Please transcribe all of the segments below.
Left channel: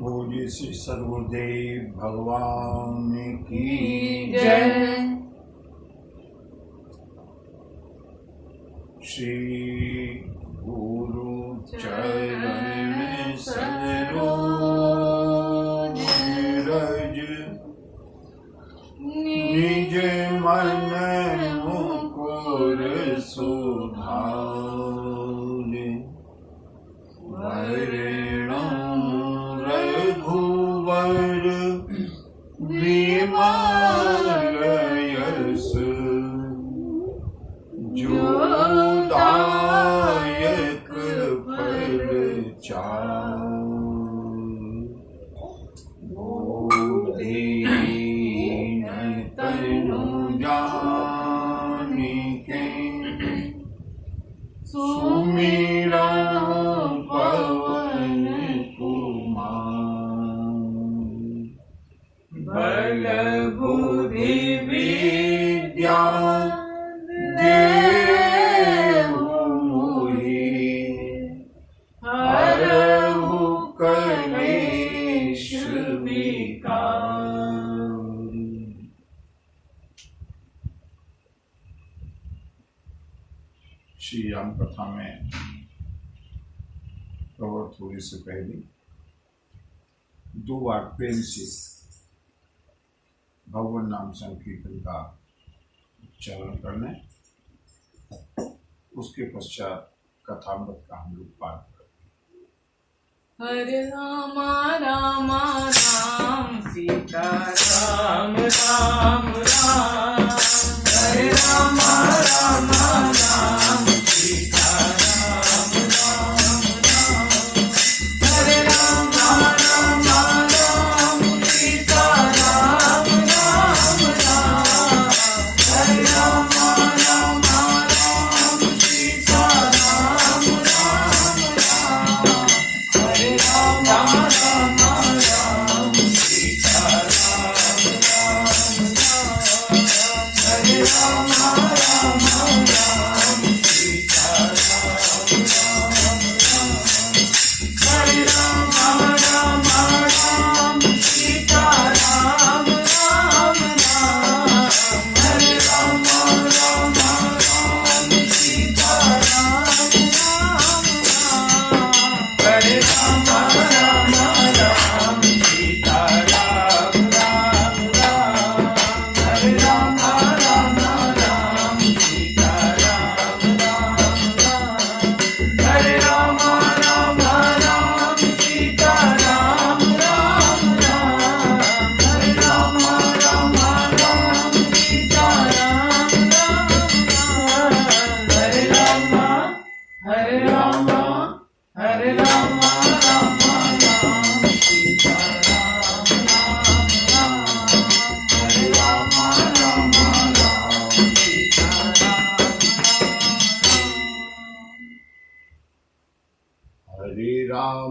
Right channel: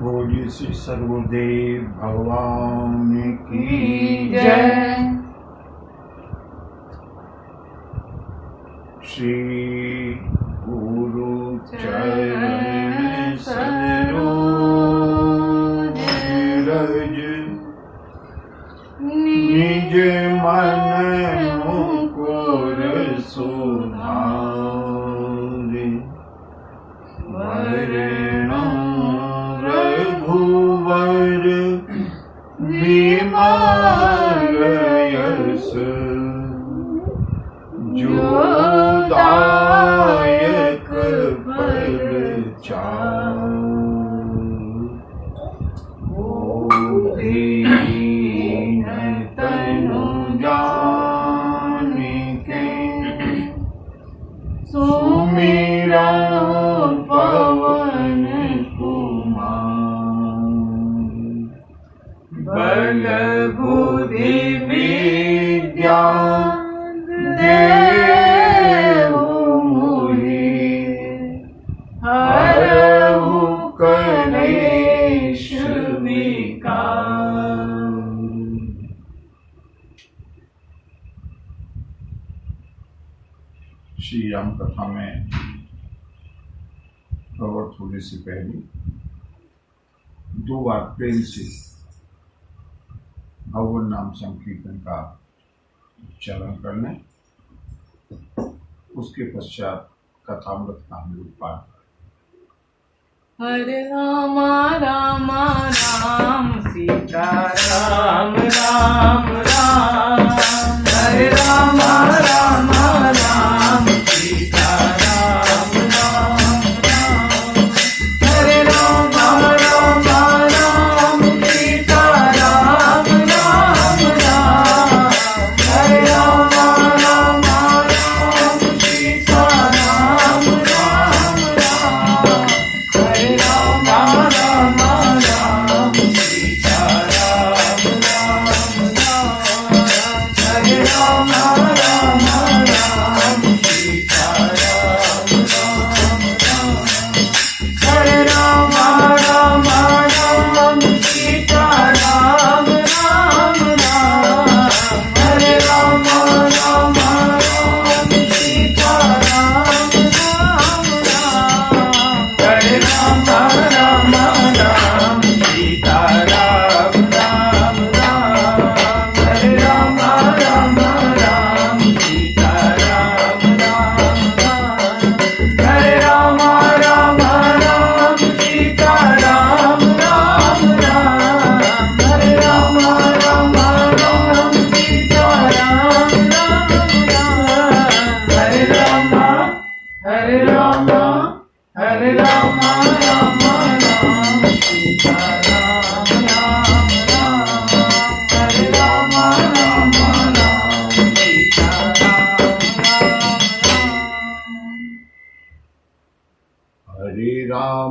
बोलिए श्री सर्वदेव भगवान की जय। श्री गुरु चरण सरोज रज निज मन मुकुर सुधारे वरणो रघुवर विमल यश जो दायक फल चारु दीन तनु जानिके सुमिरा पवन कुमार बल बुद्धि विद्या देहु मोहि हरहु कलेश विकार। श्री राम कथा में प्रवृत्त होने से पहले दो बार प्रेम से भगवान नाम संकीर्तन का उच्चारण करने, उसके पश्चात कथामृत का हम लोग पाठ करें। हरे राम राम राम सीता राम राम राम। हरे राम राम राम सीता राम राम राम। हरे राम राम राम सीता राम राम राम। हरे राम राम राम सीता राम राम राम। हरे राम राम राम सीता राम राम राम। हरे राम राम राम सीता राम राम राम। हरे राम राम राम सीता राम राम राम। हरे राम राम राम सीता राम राम राम। हरे राम राम राम सीता राम राम राम। हरे राम राम राम सीता राम राम राम। हरे राम राम राम सीता राम राम राम। हरे राम राम राम सीता राम राम राम। हरे राम हरे राम हरे राम राम राम सीता राम राम राम। हरे राम राम राम सीता राम राम। हरे राम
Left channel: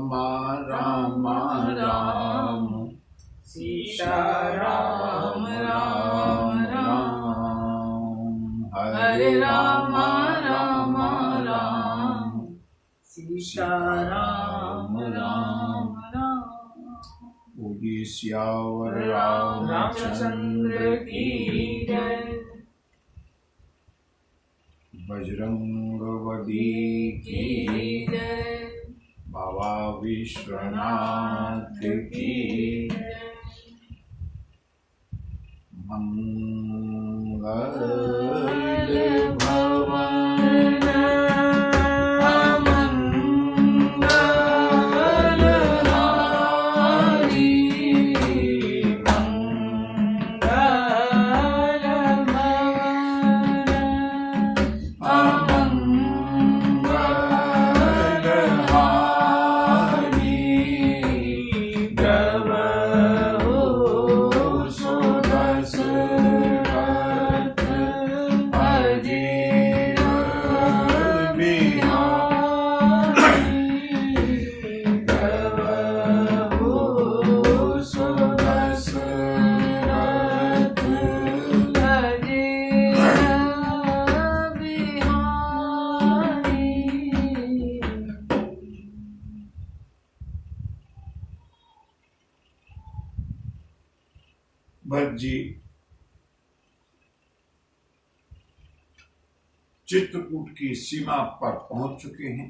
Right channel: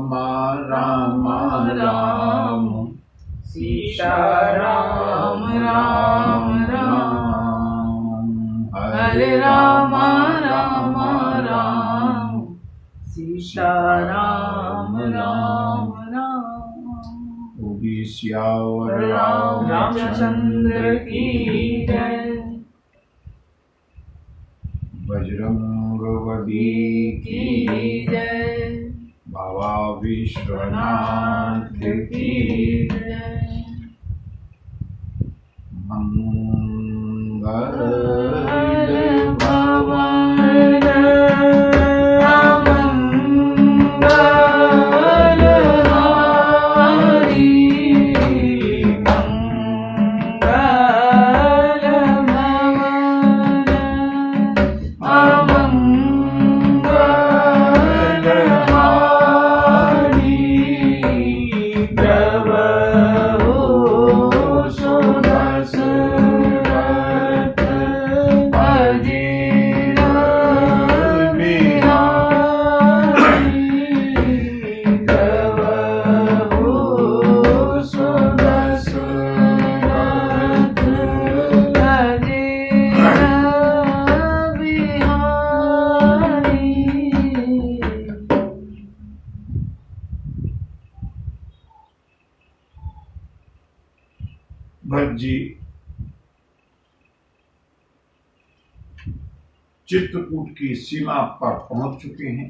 राम राम सीता राम राम राम। हरे राम राम राम सीता राम राम राम। बोलिए सियावर रामचंद्र की जय। बजरंगबली की जय। बाबा विश्वनाथ की जय। मंगल भवन अमंगल हारी। मंगल भवन अमंगल हारी। प्रभु सुदशरथ भरत जी चित्रकूट की सीमा पर पहुंच चुके हैं।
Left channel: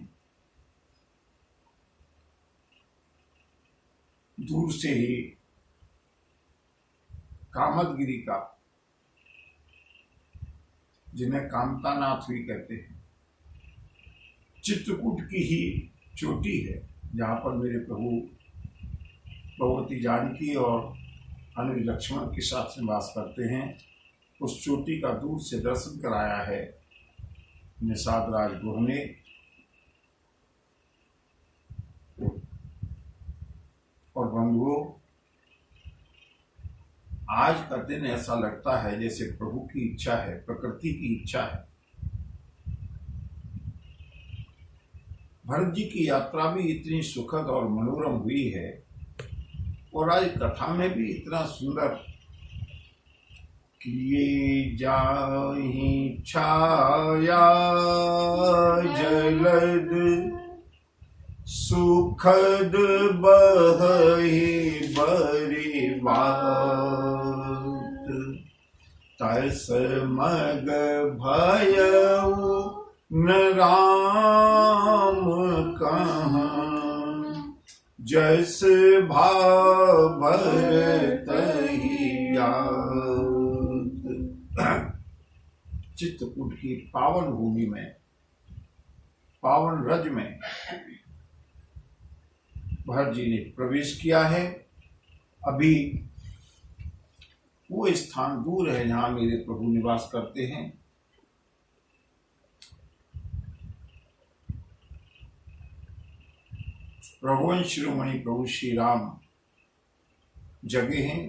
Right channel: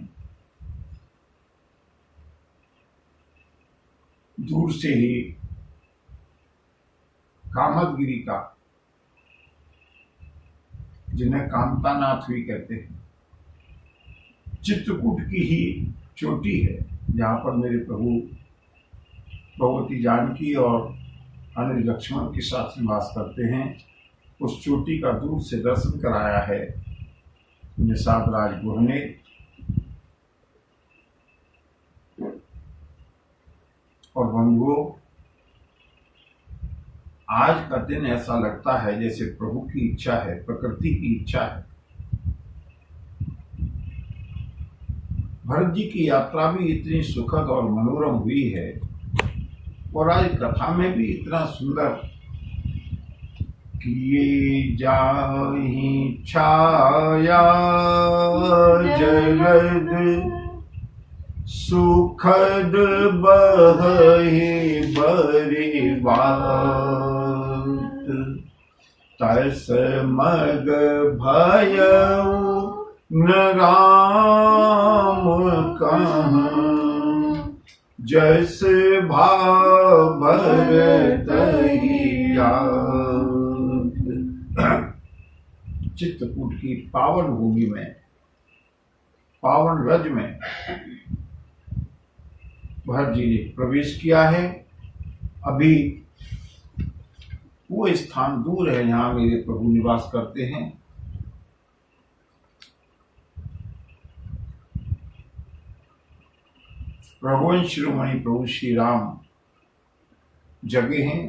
दूर से ही कामदगिरी का, जिन्हें कामतानाथ भी कहते हैं, चित्रकूट की ही चोटी है जहाँ पर मेरे प्रभु भगवती जानकी और अनुज लक्ष्मण के साथ निवास करते हैं। उस चोटी का दूर से दर्शन कराया है निषाद राज गुह ने। और बंधुओं, आज का दिन ऐसा लगता है जैसे प्रभु की इच्छा है, प्रकृति की इच्छा है। भरत जी की यात्रा भी इतनी सुखद और मनोरम हुई है और आज कथा में भी इतना सुंदर, किए जाहि छाया जलद सुखद बहि बरिवात, तस मग भयउ न राम कहाँ, जस भाव भरत ही जात। चित्रकूट की पावन भूमि में, पावन रज में भरत जी ने प्रवेश किया है। अभी वो स्थान दूर है जहां मेरे प्रभु निवास करते हैं। रघुवंश शिरोमणि प्रभु श्री राम जगे हैं।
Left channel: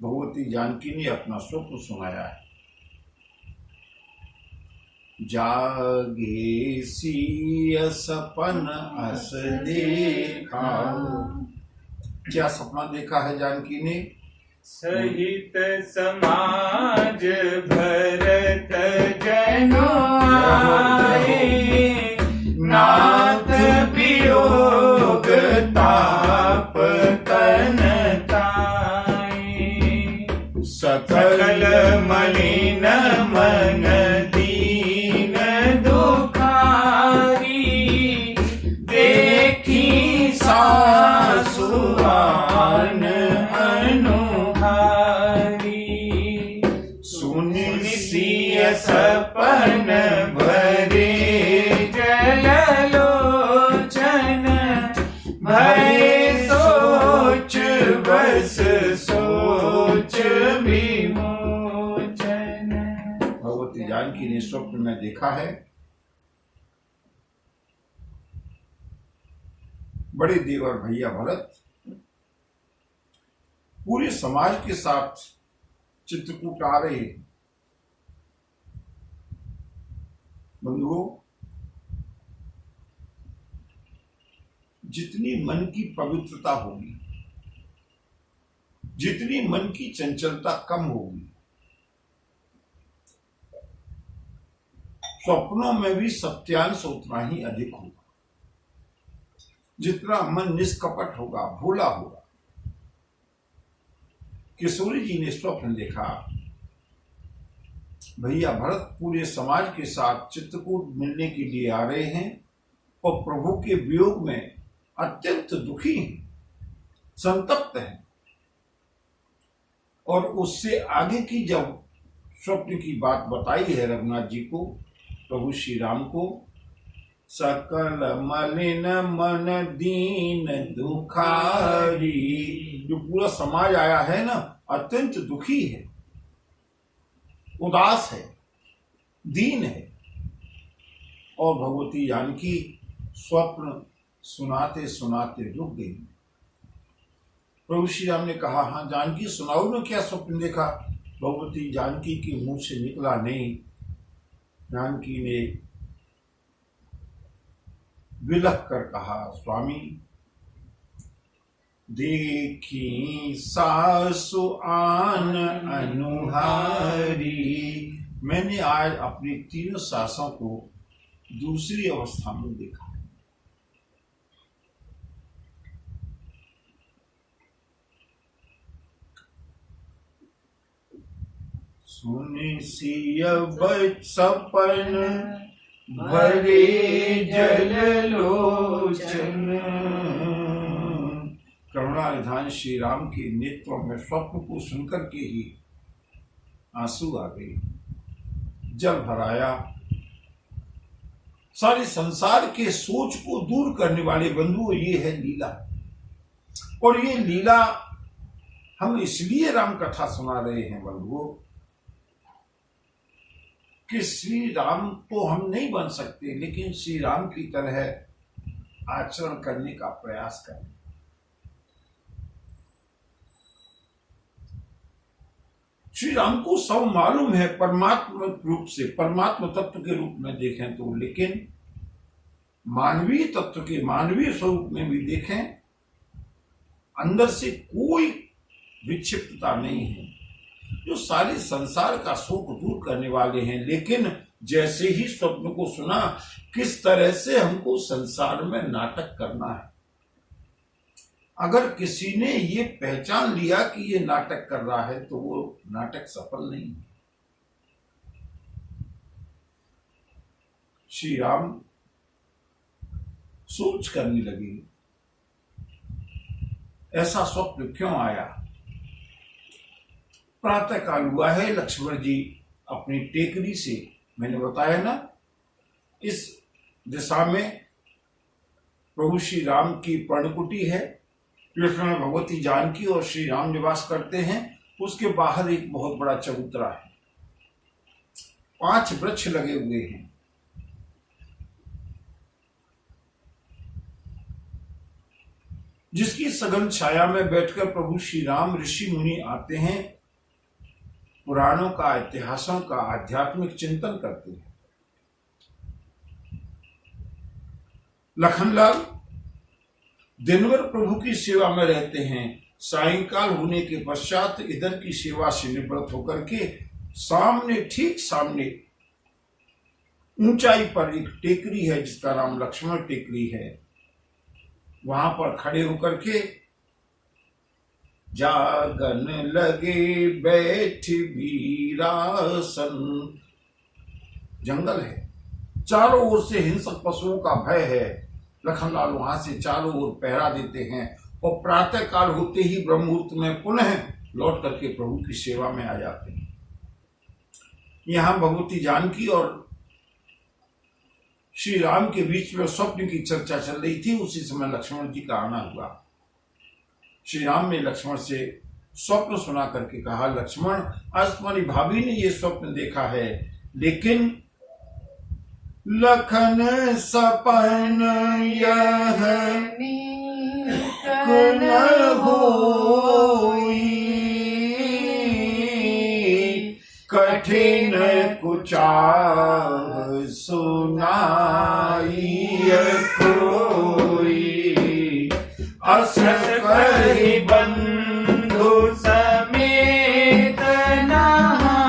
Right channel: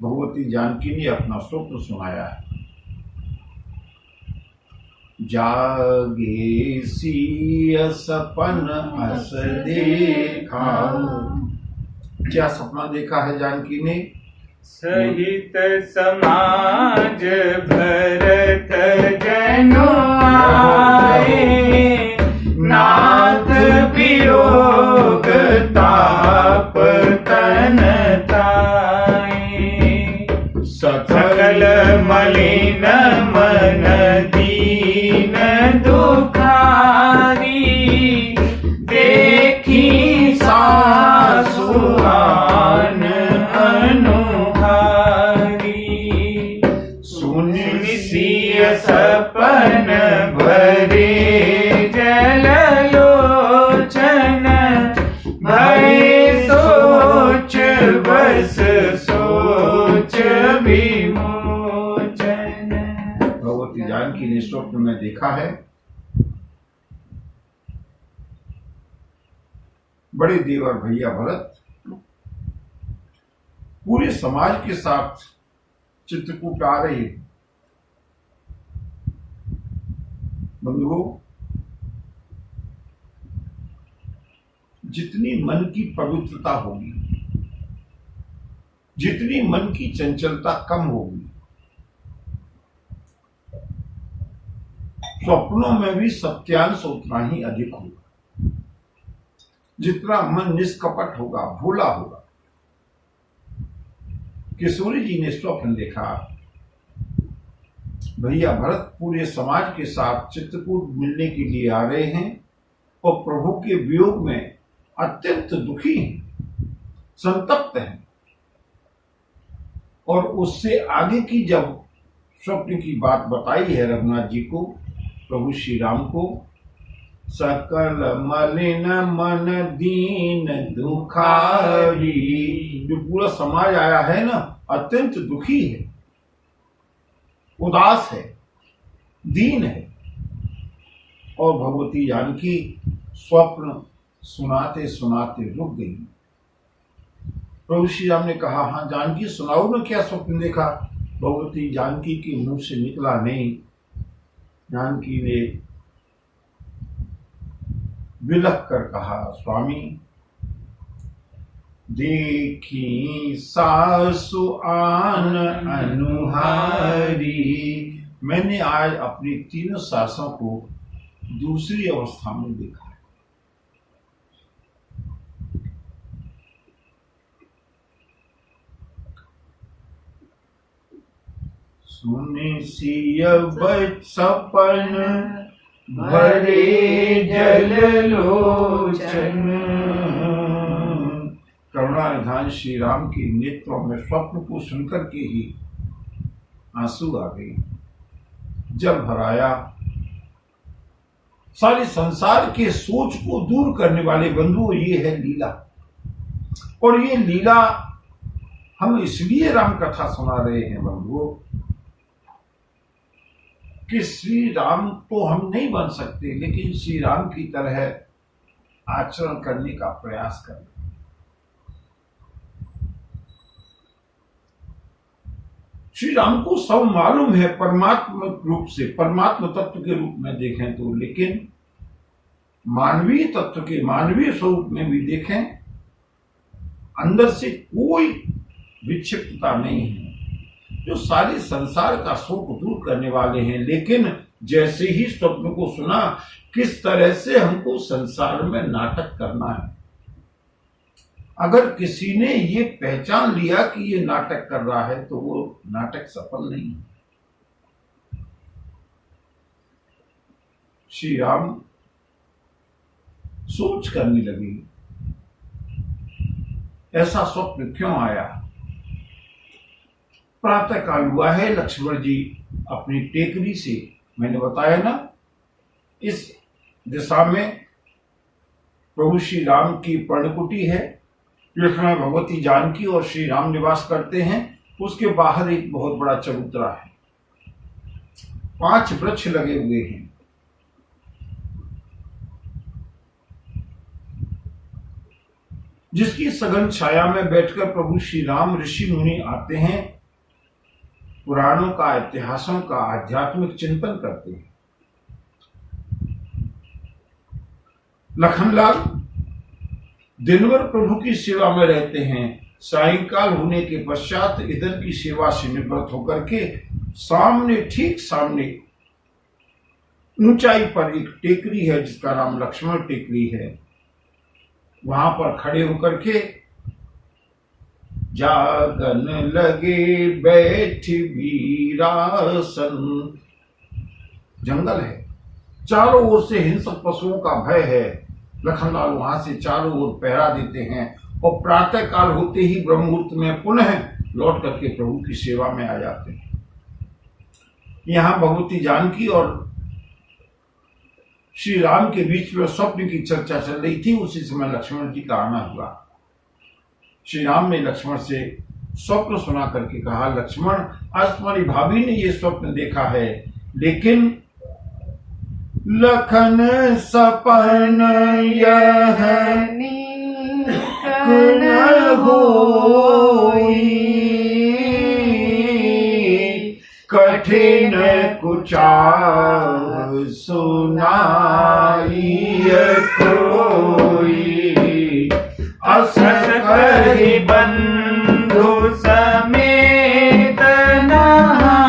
भगवती जानकी ने अपना स्वप्न सुनाया है। जागे सिय सपन अस देखा। क्या सपना देखा है जानकी ने? सहित समाज भरत जनो आए, नाथ वियोग ताप तन ताए, सकल मलिन मन दीन दुखारी, देखी सासुआन अनुहारी, सुनि सिय सपन भरे जल लोचन, भय सोच बस सोच विमोचन। भगवती जानकी ने स्वप्न में देखा है, बड़े देवर भैया भरत पूरे समाज के साथ चित्रकूट आ रहे हैं। बंधुओं, जितनी मन की पवित्रता होगी, जितनी मन की चंचलता कम होगी, स्वप्नों में भी सत्यांश उतना ही अधिक होगा। जितना मन निष्कपट होगा, भोला होगा। किशोरी जी ने स्वप्न देखा, भैया भरत पूरे समाज के साथ चित्रकूट मिलने के लिए आ रहे हैं और प्रभु के वियोग में अत्यंत दुखी हैं, संतप्त हैं। और उससे आगे की जब स्वप्न की बात बताई है रघुनाथ जी को, प्रभु श्री राम को, सकल मलिन मन दीन दुखारी, जो पूरा समाज आया है ना, अत्यंत दुखी है, उदास है, दीन है। और भगवती जानकी स्वप्न सुनाते सुनाते रुक गई। प्रभु श्री राम ने कहा, हाँ जानकी सुनाओ ना, क्या स्वप्न देखा? भगवती जानकी के मुंह से निकला नहीं। जानकी ने विलख कर कहा, स्वामी देखी सासु आन अनुहारी, मैंने आज अपनी तीनों सासों को दूसरी अवस्था में देखा है। सुनि सिय सपन भरे जल लोचन। करुणा निधान श्री राम के नेत्रों में स्वप्न को सुनकर के ही आंसू आ गए, जल भराया। सारे संसार के सोच को दूर करने वाले बंधुओं, ये है लीला। और ये लीला हम इसलिए राम कथा सुना रहे हैं बंधुओं कि श्री राम तो हम नहीं बन सकते, लेकिन श्री राम की तरह आचरण करने का प्रयास करें। श्री राम को सब मालूम है परमात्मा रूप से, परमात्मा तत्व के रूप में देखें तो, लेकिन मानवीय तत्व के मानवीय स्वरूप में भी देखें, अंदर से कोई विक्षिप्तता नहीं है, जो सारे संसार का शोक दूर करने वाले हैं। लेकिन जैसे ही स्वप्न को सुना, किस तरह से हमको संसार में नाटक करना है। अगर किसी ने ये पहचान लिया कि ये नाटक कर रहा है, तो वो नाटक सफल नहीं है। श्री राम सोच करने लगे, ऐसा स्वप्न क्यों आया। प्रातः काल हुआ है, लक्ष्मण जी अपनी टेकरी से, मैंने बताया ना, इस दिशा में प्रभु श्री राम की पर्णकुटी है, जिसमें भगवती जानकी और श्री राम निवास करते हैं। उसके बाहर एक बहुत बड़ा चबूतरा है, 5 वृक्ष लगे हुए हैं। जिसकी सघन छाया में बैठकर प्रभु श्री राम ऋषि मुनि आते हैं, पुराणों का, इतिहासों का आध्यात्मिक चिंतन करते हैं। लखनलाल दिन भर प्रभु की सेवा में रहते हैं। सायंकाल होने के पश्चात इधर की सेवा से निवृत्त होकर के सामने, ठीक सामने ऊंचाई पर एक टेकरी है, जिसका नाम लक्ष्मण टेकरी है। वहां पर खड़े होकर के जागन लगे बैठ वीरासन। जंगल है, चारों ओर से हिंसक पशुओं का भय है। लखनलाल वहां से चारों ओर पहरा देते हैं और प्रातः काल होते ही ब्रह्म मुहूर्त में पुनः लौट करके प्रभु की सेवा में आ जाते हैं। यहां भगवती जानकी और श्री राम के बीच में स्वप्न की चर्चा चल रही थी। उसी समय लक्ष्मण जी का आना हुआ। श्री राम ने लक्ष्मण से स्वप्न सुना करके कहा, लक्ष्मण, आज तुम्हारी भाभी ने ये स्वप्न देखा है, लेकिन लखन सपन यह न होई, कठिन कुचाव सुनाई कोई। अस कहि बंधु समेत नहाने,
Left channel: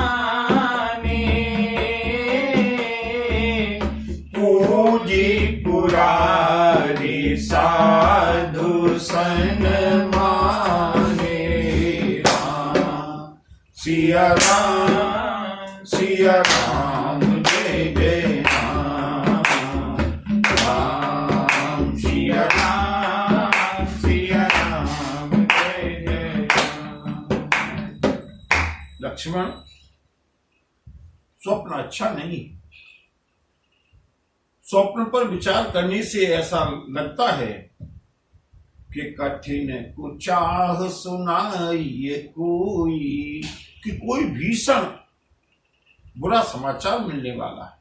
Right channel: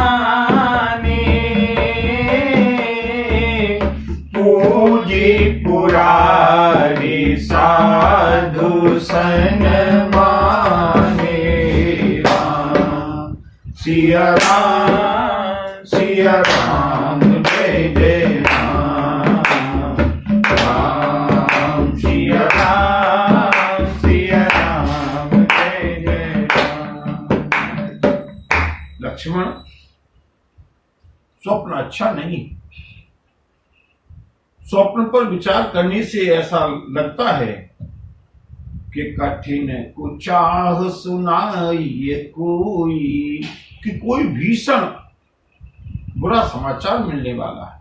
पूजी पुरारी साधु सन माने। सिया राम, सिया राम, जय जय राम, राम सिया राम, सिया राम, जय जय राम। लक्ष्मण, स्वप्न अच्छा नहीं। स्वप्न पर विचार करने से ऐसा लगता है कि कठिन कुचाह सुनाइए कोई, कि कोई भीषण बुरा समाचार मिलने वाला है।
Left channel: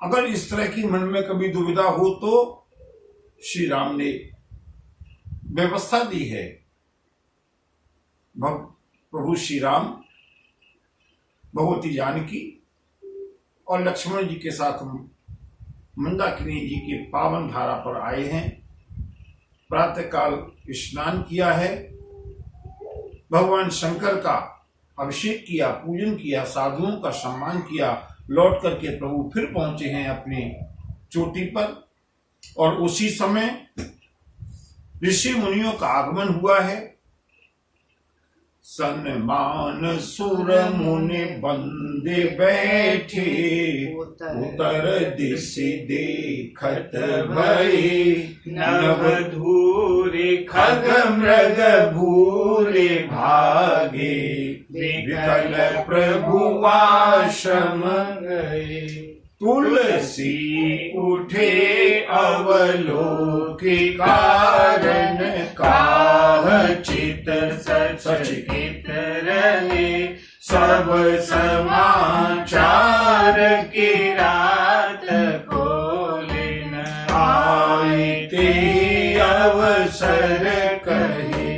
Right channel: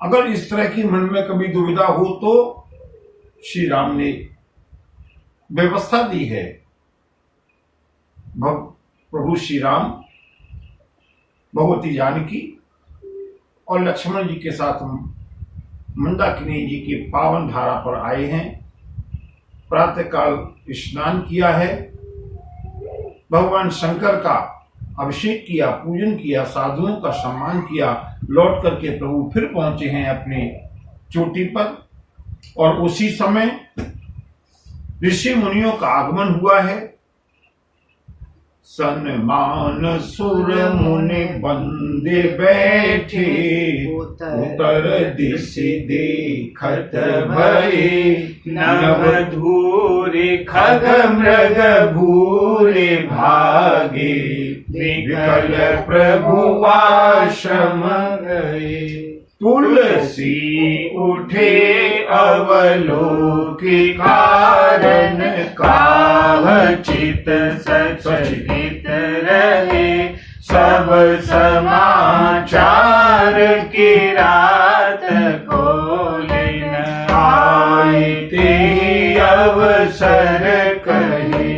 अगर इस तरह की मन में कभी दुविधा हो तो श्री राम ने व्यवस्था दी है। प्रभु श्री राम भगवती जानकी और लक्ष्मण जी के साथ मंदाकिनी जी की पावन धारा पर आए हैं। प्रातःकाल स्नान किया है, भगवान शंकर का अभिषेक किया, पूजन किया, साधुओं का सम्मान किया। लौट करके प्रभु फिर पहुंचे हैं अपने चोटी पर, और उसी समय ऋषि मुनियों का आगमन हुआ है। सन्मान सुर मुनि बंदे बैठे, उतर दिश देखत भये, नवधूरे खग मृग भूरे भागे, विकल प्रभु आश्रम गए। तुलसी उठे अवलोकि कारण, काह चित सचकित रहे, सब समाचार की रात खोले न आए, ते अवसर कहे।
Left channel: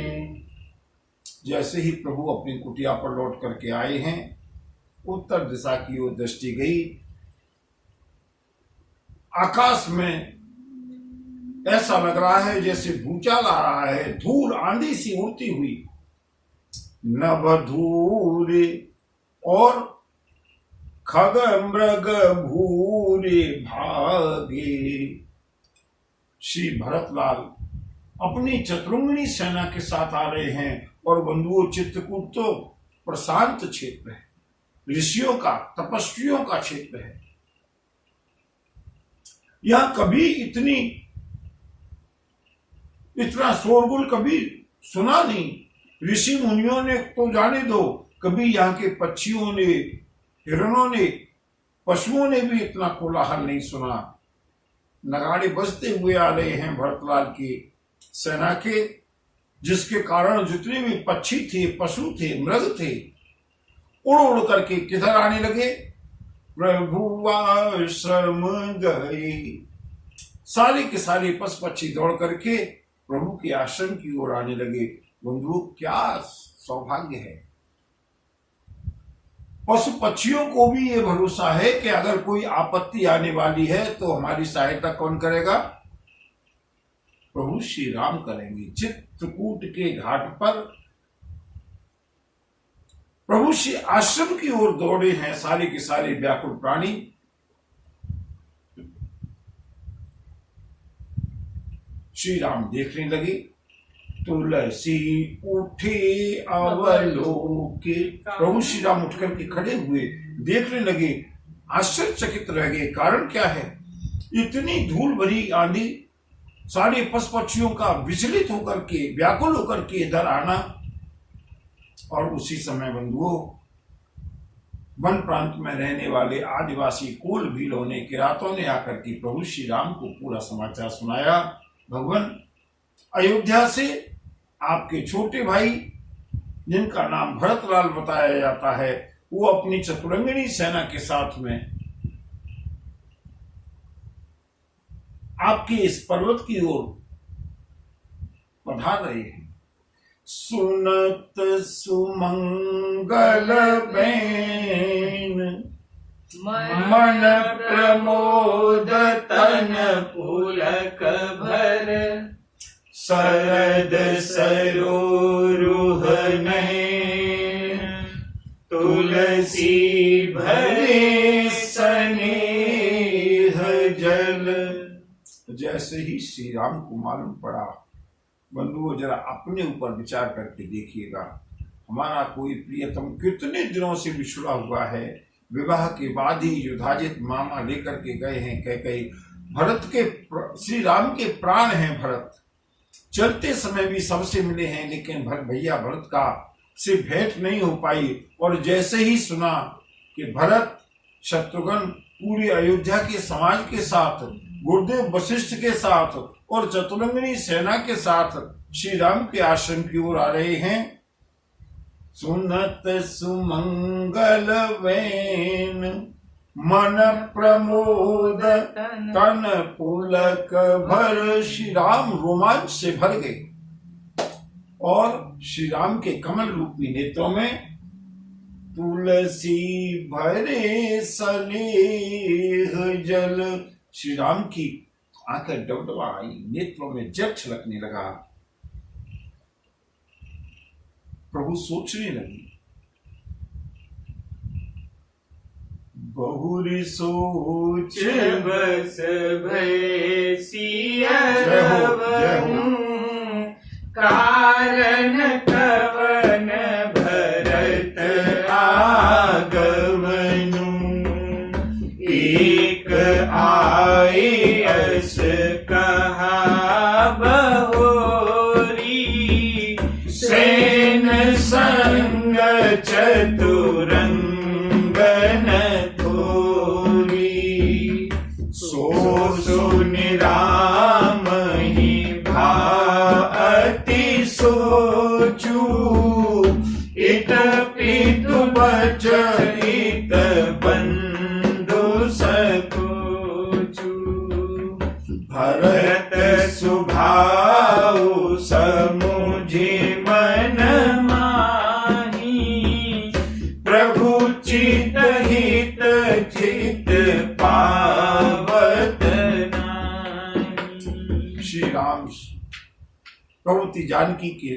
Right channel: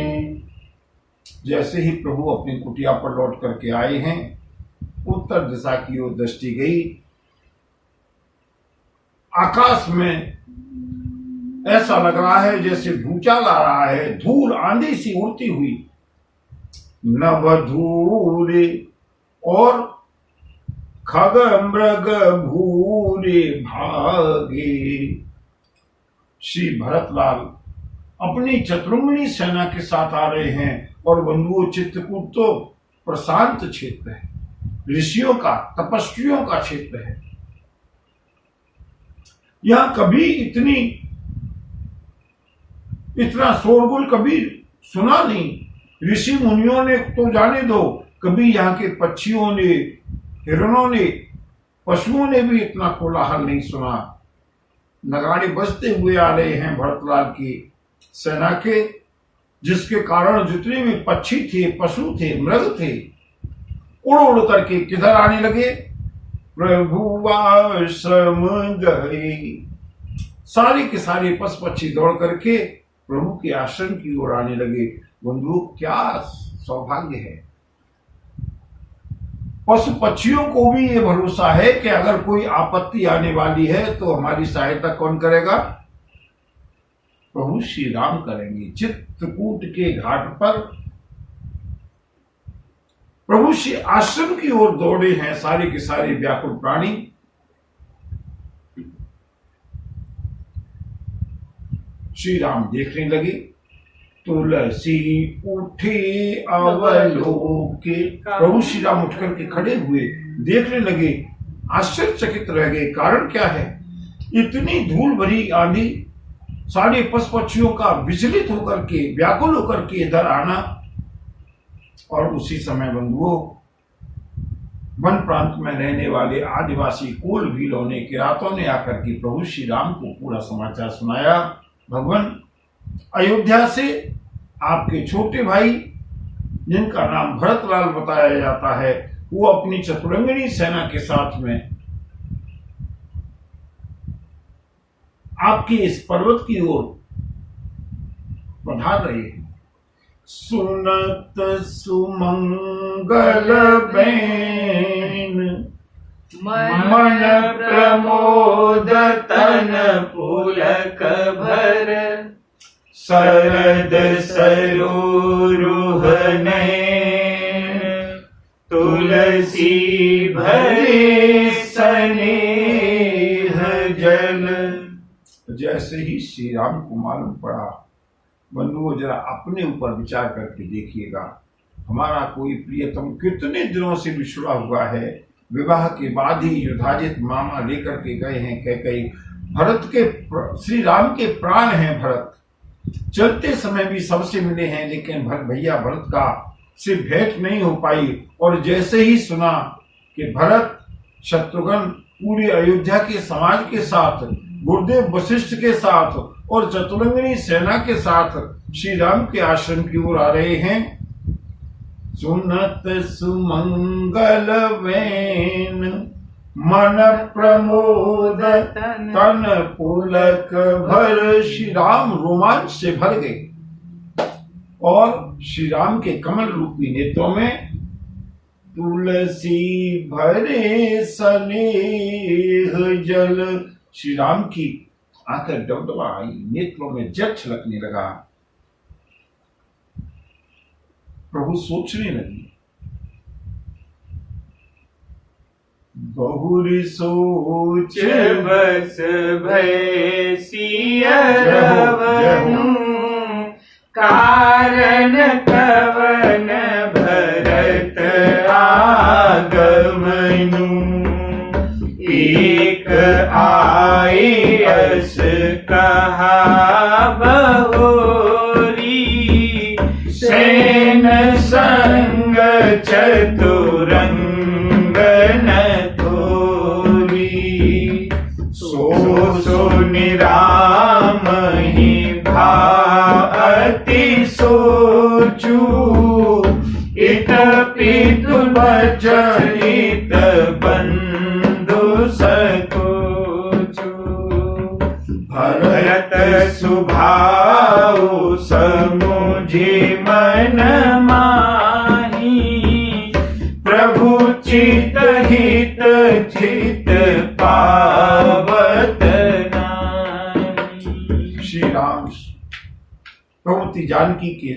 जैसे ही प्रभु अपनी कुटिया पर लौट करके आए हैं, उत्तर दिशा की ओर दृष्टि गई। आकाश में ऐसा लग रहा है जैसे भूचाल आ रहा है, धूल आंधी सी उड़ती हुई। नवधूरे और खग मृग भूरे भागे। श्री भरतलाल अपनी चतुरंगिणी सेना के साथ आ रहे हैं और बंधुओं, चित्रकूट तो प्रशांत क्षेत्र है, ऋषियों का, तपस्वियों का क्षेत्र है। यहां कभी इतना शोरगुल कभी सुना नहीं। ऋषि मुनियों ने तो जाने दो, कभी यहाँ के पक्षियों ने, हिरणों ने, पशुओं ने भी इतना कोलाहल नहीं सुना। नगाड़े बजते हुए आ रहे हैं भरतलाल की सेना के, जिसके कारण जितने भी पक्षी थे, पशु थे, मृग थे, उड़ उड़ करके किधर आने लगे? प्रभु आश्रम गए। सारे के सारे पशु पक्षी दौड़ करके प्रभु के आश्रम की ओर आने लगे। बंधुओं, क्या सौभाग्य है! पशु पक्षियों को भी ये भरोसा है कि अगर कोई आपत्ति आने वाली है तो हमारी सहायता कौन करेगा? प्रभु श्री राम करेंगे। चित्रकूट के घाट पर प्रभु श्री आश्रम की ओर दौड़े हैं सारे के सारे व्याकुल प्राणी। श्री राम देखने लगे। तुलसी उठे अवलोके। प्रभु श्री राम उठ करके खड़े हुए, देखने लगे, आश्चर्यचकित रह गए। कारण क्या है? इतनी धूल भरी आंधी, सारे पशु पक्षियों का विचलित होकर के, व्याकुल होकर के इधर आना। और उसी समय बंधुओं, वन प्रांत में रहने वाले आदिवासी कोल भीलों ने, किरातों ने आकर के प्रभु श्री राम को पूरा समाचार सुनाया। भगवान, अयोध्या से आपके छोटे भाई, जिनका नाम भरतलाल बताया जाता है, वो अपनी चतुरंगिणी सेना के साथ में आपके इस पर्वत की ओर पधार रहे हैं। सुनत सुमंगल बैन, मन प्रमोद तन पुलक भर, शरद सरोरुह नयन, तुलसी भरे स्नेह जल। जैसे ही श्री राम को मालूम पड़ा, बंधुओं जरा अपने ऊपर विचार करके देखिएगा, हमारा कोई प्रियतम कितने दिनों से बिछड़ा हुआ है, विवाह के बाद ही युधाजित मामा लेकर के गए हैं कैकेयी। भरत के, श्री राम के प्राण हैं भरत, चलते समय भी सबसे मिले हैं, लेकिन भैया भरत का से भेंट नहीं हो पाई। और जैसे ही सुना कि भरत, शत्रुघ्न पूरी अयोध्या के समाज के साथ, गुरुदेव वशिष्ठ के साथ और चतुरंगिणी सेना के साथ श्री राम के आश्रम की ओर आ रहे हैं, सुनत सुमंगल वैन, मन प्रमोद तन पुलक भर। श्री राम रोमांच से भर गए और श्री राम के कमल रूपी नेत्रों में तुलसी भरे स्नेह जल। श्री राम की आंखें डबडबा आई, नेत्रों में जल छलकने लगा। प्रभु सोचने लगे, बहुरी सोच बस भय सिया कारण कवन कहा बहोरी, सेन संग चतुरंग न थोरी, सो सुनि राम ही भाति सोचू, इत पितु बचहित बंधु सकोचू, भरत सुभाऊ समुझि मन माही, प्रभु चित हित चित पावत नाही। श्री राम प्रभुति जानकी के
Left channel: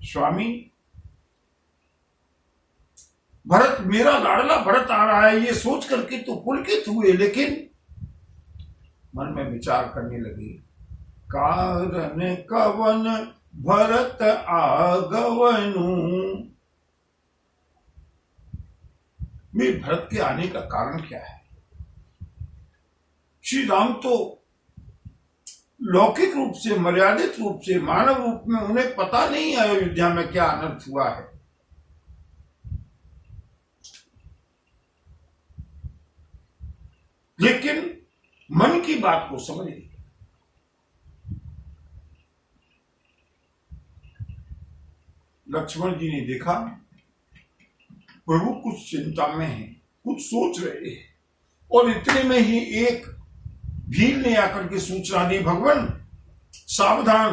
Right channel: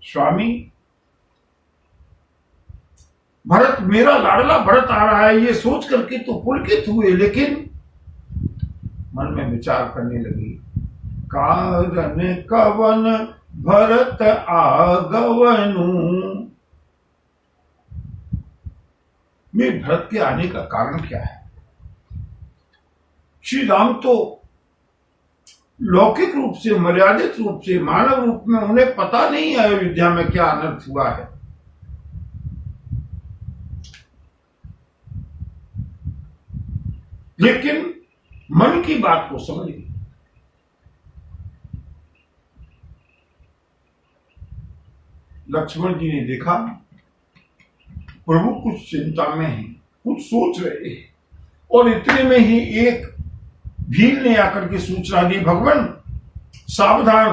स्वामी, भरत, मेरा लाडला भरत आ रहा है, ये सोच करके तो पुलकित हुए, लेकिन मन में विचार करने लगे, कारण कवन भरत आगवनु, में भरत के आने का कारण क्या है? श्री राम तो लौकिक रूप से, मर्यादित रूप से, मानव रूप में उन्हें पता नहीं है अयोध्या में क्या अनर्थ हुआ है। लेकिन मन की बात को समझ गए। लक्ष्मण जी ने देखा प्रभु कुछ चिंता में है, कुछ सोच रहे हैं, और इतने में ही एक भील ने आकर के सूचना दी, भगवान सावधान,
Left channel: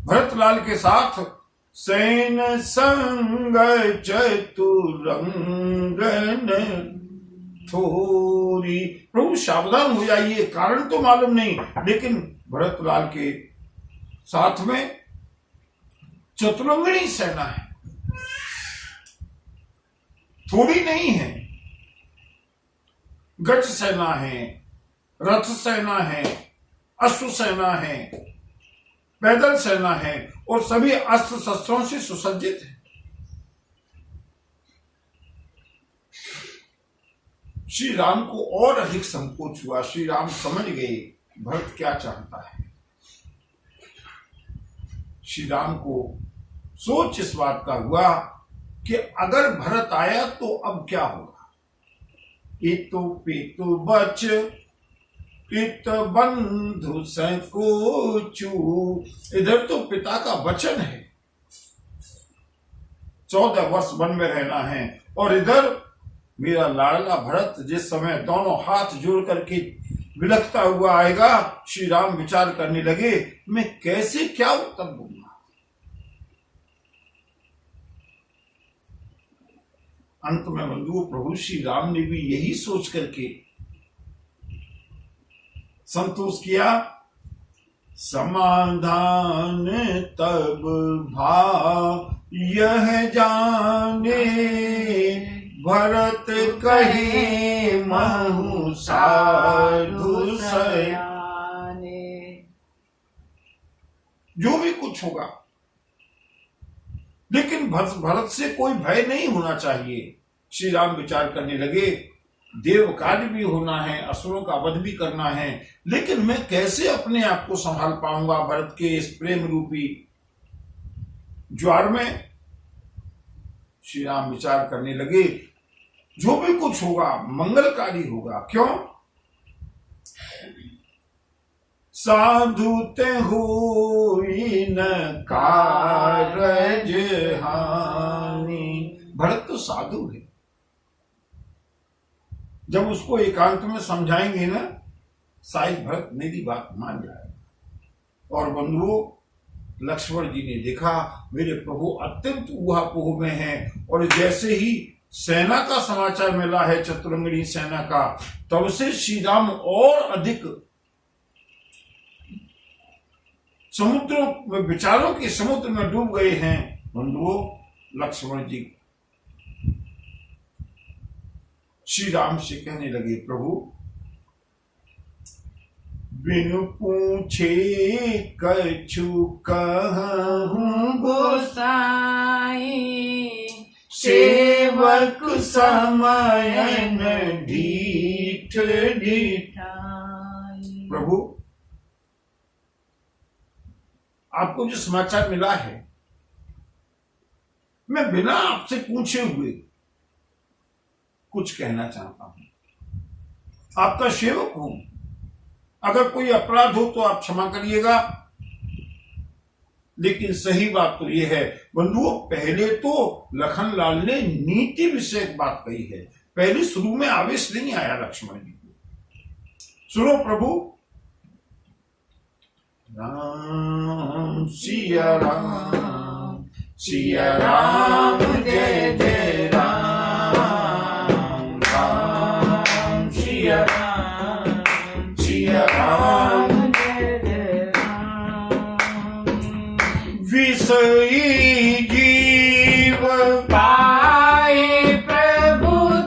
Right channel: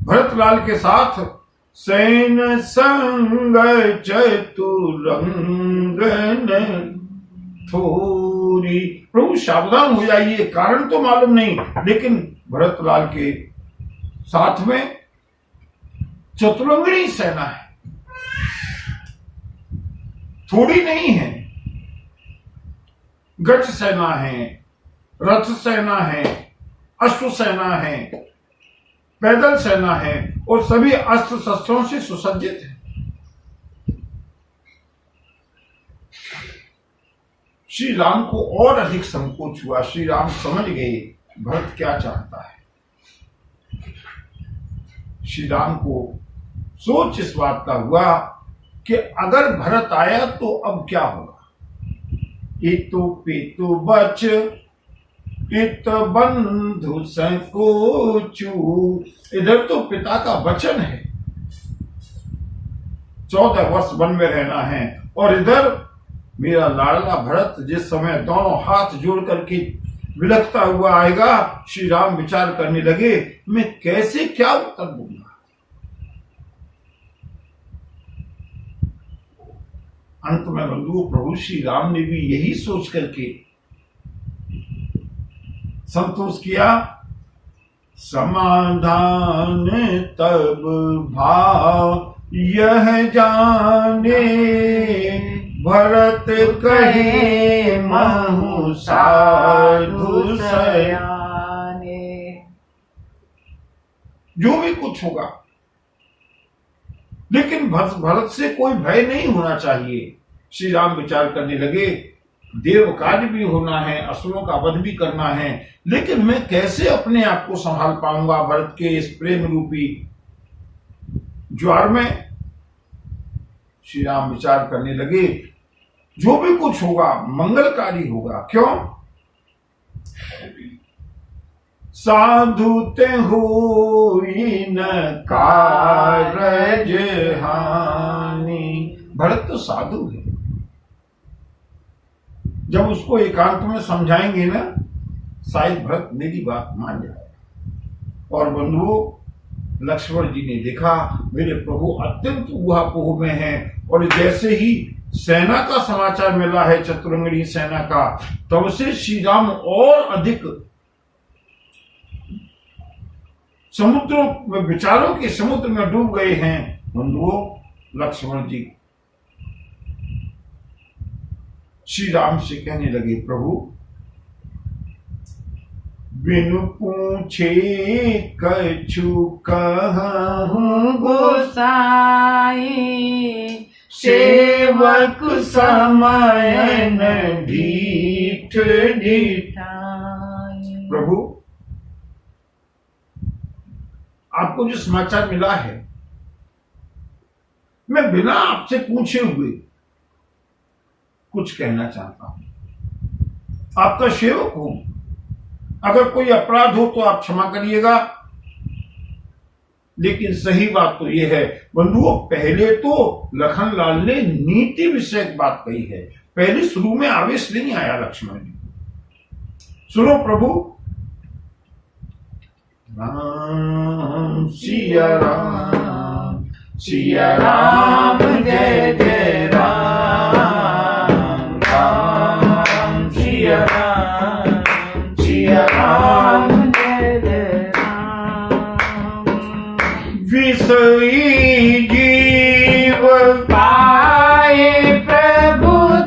भरतलाल के साथ सैन संग चतुरंग न थोरी, प्रभु सावधान हो जाइए, कारण तो मालूम नहीं, लेकिन भरतलाल के साथ में चतुरंगिणी सेना है, थोड़ी नहीं है, गज सेना है, रथ सेना है, अश्व सेना है, पैदल सेना है, और सभी अस्त्र शस्त्रों से सुसज्जित है। श्री राम को और अधिक संकोच हुआ। श्री राम समझ गए भरत क्या चाहता है। श्री राम को सोच इस बात का हुआ कि अगर भरत आया तो अब क्या होगा। इतु पितु बच इत बंधु संकोचू, इधर तो पिता का वचन है, 14 वर्ष वन में रहना है, और इधर मेरा लाडला भरत जिस समय दोनों हाथ जोड़ करके विलखता हुआ आएगा। श्री राम विचार करने लगे, मैं कैसे क्या उत्तर दूंगा। अंत में बंधुओं, प्रभु श्री राम ने भी यही सोच करके संतोष किया, समाधान तब भाव यह जाने, भरत कहे महु साधु सयाने। जो भी कुछ होगा, लेकिन भरत से कोई भय नहीं होना चाहिए। श्री राम विचार करने लगे, देव कार्य भी होना है, असुरों का वध भी करना है, लेकिन मैं कैसे अपने आप को संभाल पाऊंगा भरत के इस प्रेम रूपी ज्वार में। श्री राम विचार करने लगे, जो भी कुछ होगा मंगलकारी होगा। क्यों? साधु ते होई न कारज हानि। भरत तो साधु है, जब उसको एकांत में समझाएंगे ना, शायद भरत मेरी बात मान जाएगा। और बंधुओं, लक्ष्मण जी ने देखा मेरे प्रभु अत्यंत ऊहापोह में हैं, और जैसे ही सेना का समाचार मिला है, चतुरंगिणी सेना का, तब से श्री राम और अधिक समुद्रों में, विचारों के समुद्र में डूब गए हैं। बंधुओं, लक्ष्मण जी श्री राम से कहने लगे, प्रभु बिनु पूछे कछु कहूं गोसाई, सेवक समयन ढीठ ढीठाई। प्रभु, आपको जो समाचार मिला है, मैं बिना आपसे पूछे हुए कुछ कहना चाहता हूं। आपका सेवक हूं। अगर कोई अपराध हो तो आप क्षमा करिएगा, लेकिन सही बात तो यह है बंधुओं, पहले तो लखनलाल ने नीति विषयक बात कही है। पहले शुरू में आवेश नहीं आया लक्ष्मण जी। सुनो प्रभु, राम सिया राम, सिया राम जय जय राम, राम सिया राम, सिया राम जय जय राम। विषयी जीव पाए प्रभुताई,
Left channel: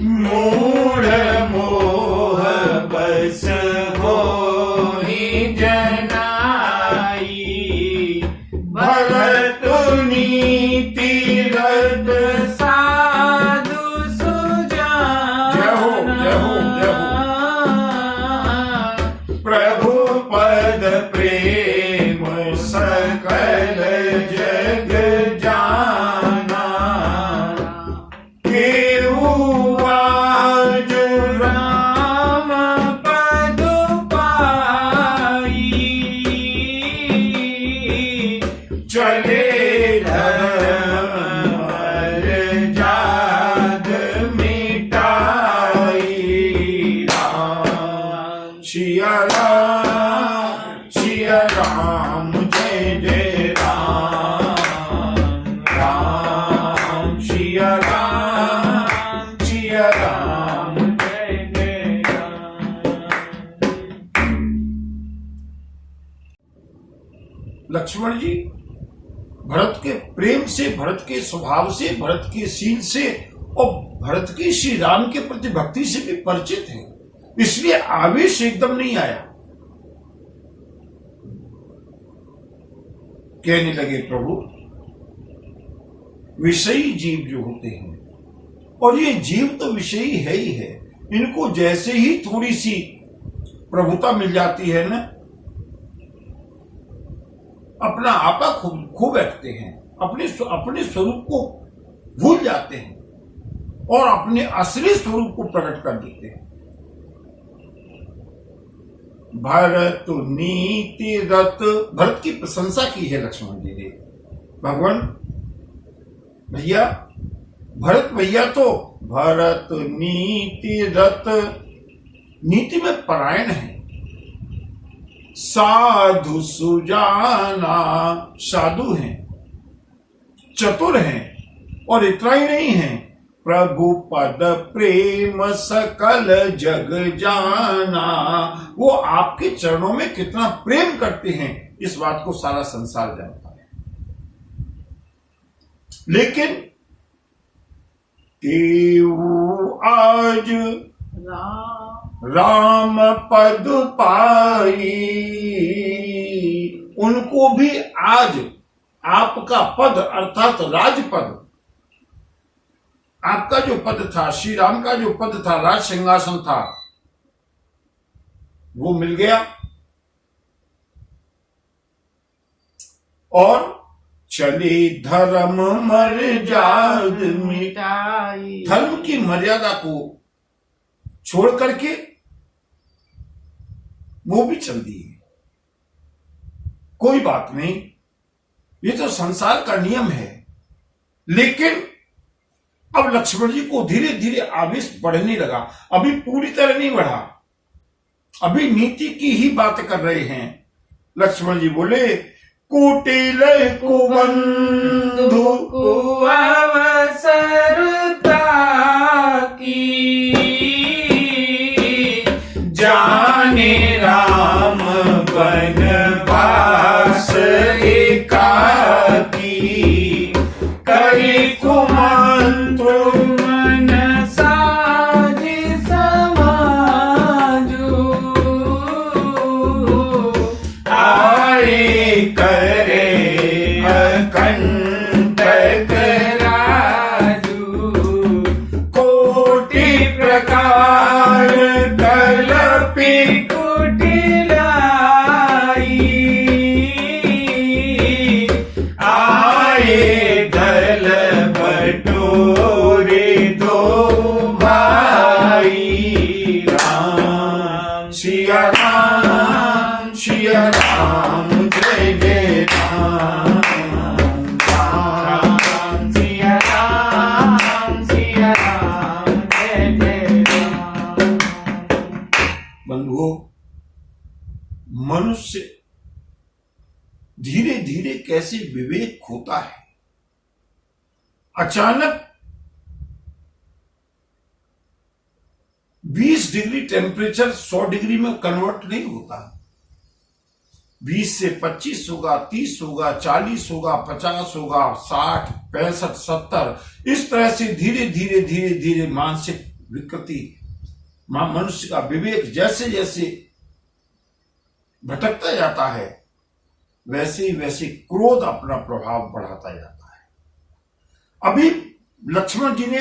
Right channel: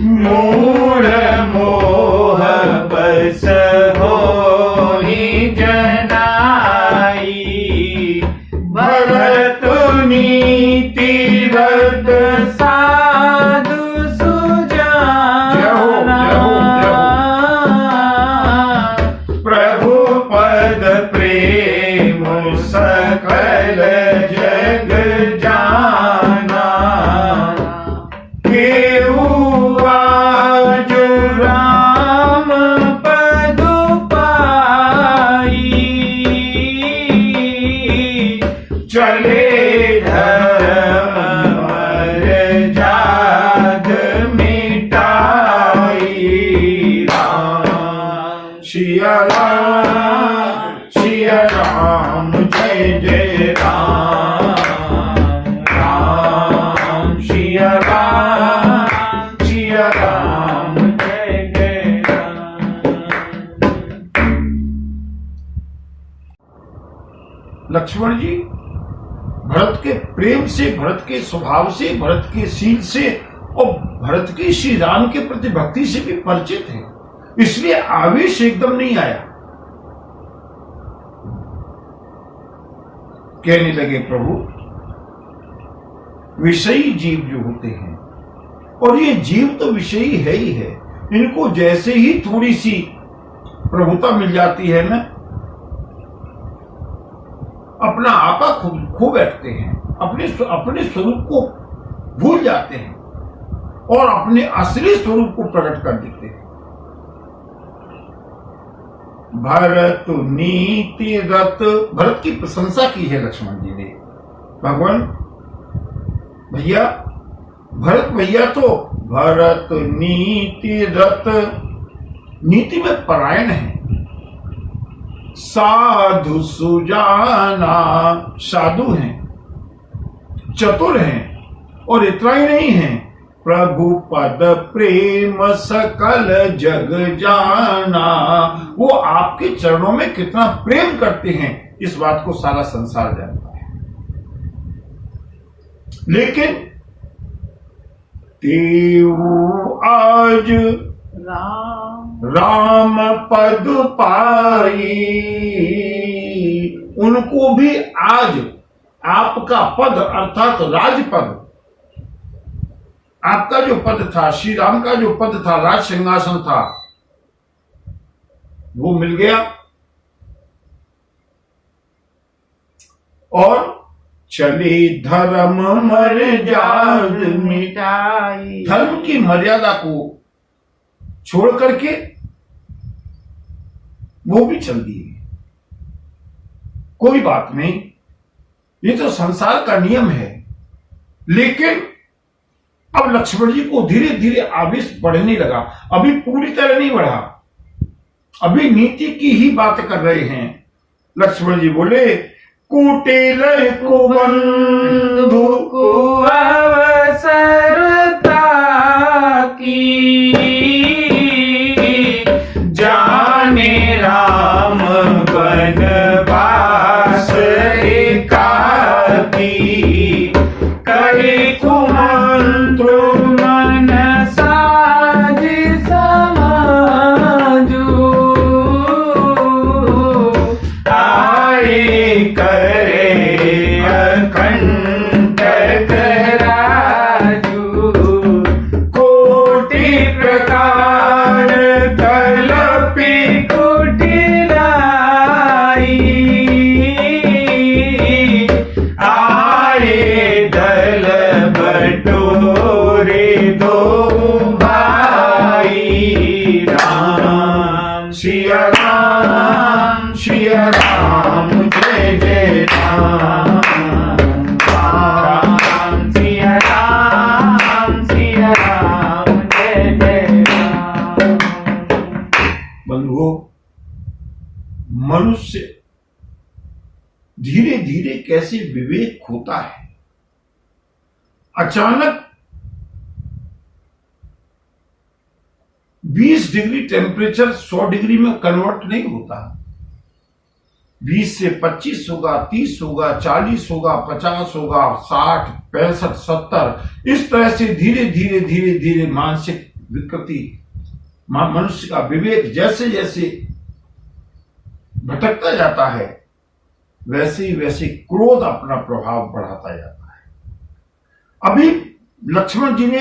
मूढ़ मोह बस होहि जनाई, भरत नीति रत साधु सुजाना, प्रभु पद प्रेम सकल जग जाना, केहू जो राम पद पाई, चले धर्म जात मिटाई, राम सिया राम जय जय राम, राम सिया राम जय जय राम। लक्ष्मण जी भरत के प्रेम से, भरत के स्वभाव से, भरत के शील से और भरत की श्री राम के प्रति भक्ति से भी परिचित है, इसलिए आवेश एकदम नहीं आया। कहने लगे प्रभु, विषयी जीव जो होते हैं, और ये जीव तो विषयी है ही है, इनको जैसे ही थोड़ी सी प्रभुता मिल जाती है ना, अपना आपा खो बैठते हैं, अपने स्वरूप को भूल जाते हैं और अपने असली स्वरूप को प्रकट कर देते हैं। भरत नीति रत, भरत की प्रशंसा की है लक्ष्मण जी ने। भगवान भैया, भरत भैया तो भरत नीति रत, नीति में परायण है, साधु सुजाना, साधु हैं, चतुर हैं, और इतना ही नहीं है, प्रभु पद प्रेम सकल जग जाना, वो आपके चरणों में कितना प्रेम करते हैं इस बात को सारा संसार जानता है। लेकिन तेऊ आज राम पद पाई, उनको भी आज आपका पद अर्थात राजपद, आपका जो पद था, श्री राम का जो पद था, राज सिंहासन था, वो मिल गया। और चले धर्म मर्याद मिटाई, धर्म की मर्यादा को छोड़ करके वो भी चल दिए। कोई बात नहीं, ये तो संसार का नियम है। लेकिन अब लक्ष्मण जी को धीरे धीरे आवेश बढ़ने लगा। अभी पूरी तरह नहीं बढ़ा, अभी नीति की ही बात कर रहे हैं। लक्ष्मण जी बोले, कुटिल कुबंधु को अवसरता की, जाने राम वनवास एकाकी, करे कुमंत्र मन साज समाजू, आए करे अकंटक राम सिया राम जय जय राम राम सिया राम जय जय राम। बंधुओं, मनुष्य धीरे धीरे कैसे विवेक खोता है। अचानक 20 डिग्री टेम्परेचर 100 डिग्री में कन्वर्ट नहीं होता। 20 से 25 होगा, 30 होगा, 40 होगा, 50 होगा, 60, 65, 70, इस तरह से धीरे धीरे धीरे धीरे मानसिक विकृति, मनुष्य का विवेक जैसे जैसे भटकता जाता है, वैसे ही वैसे क्रोध अपना प्रभाव बढ़ाता जाता है। अभी लक्ष्मण जी ने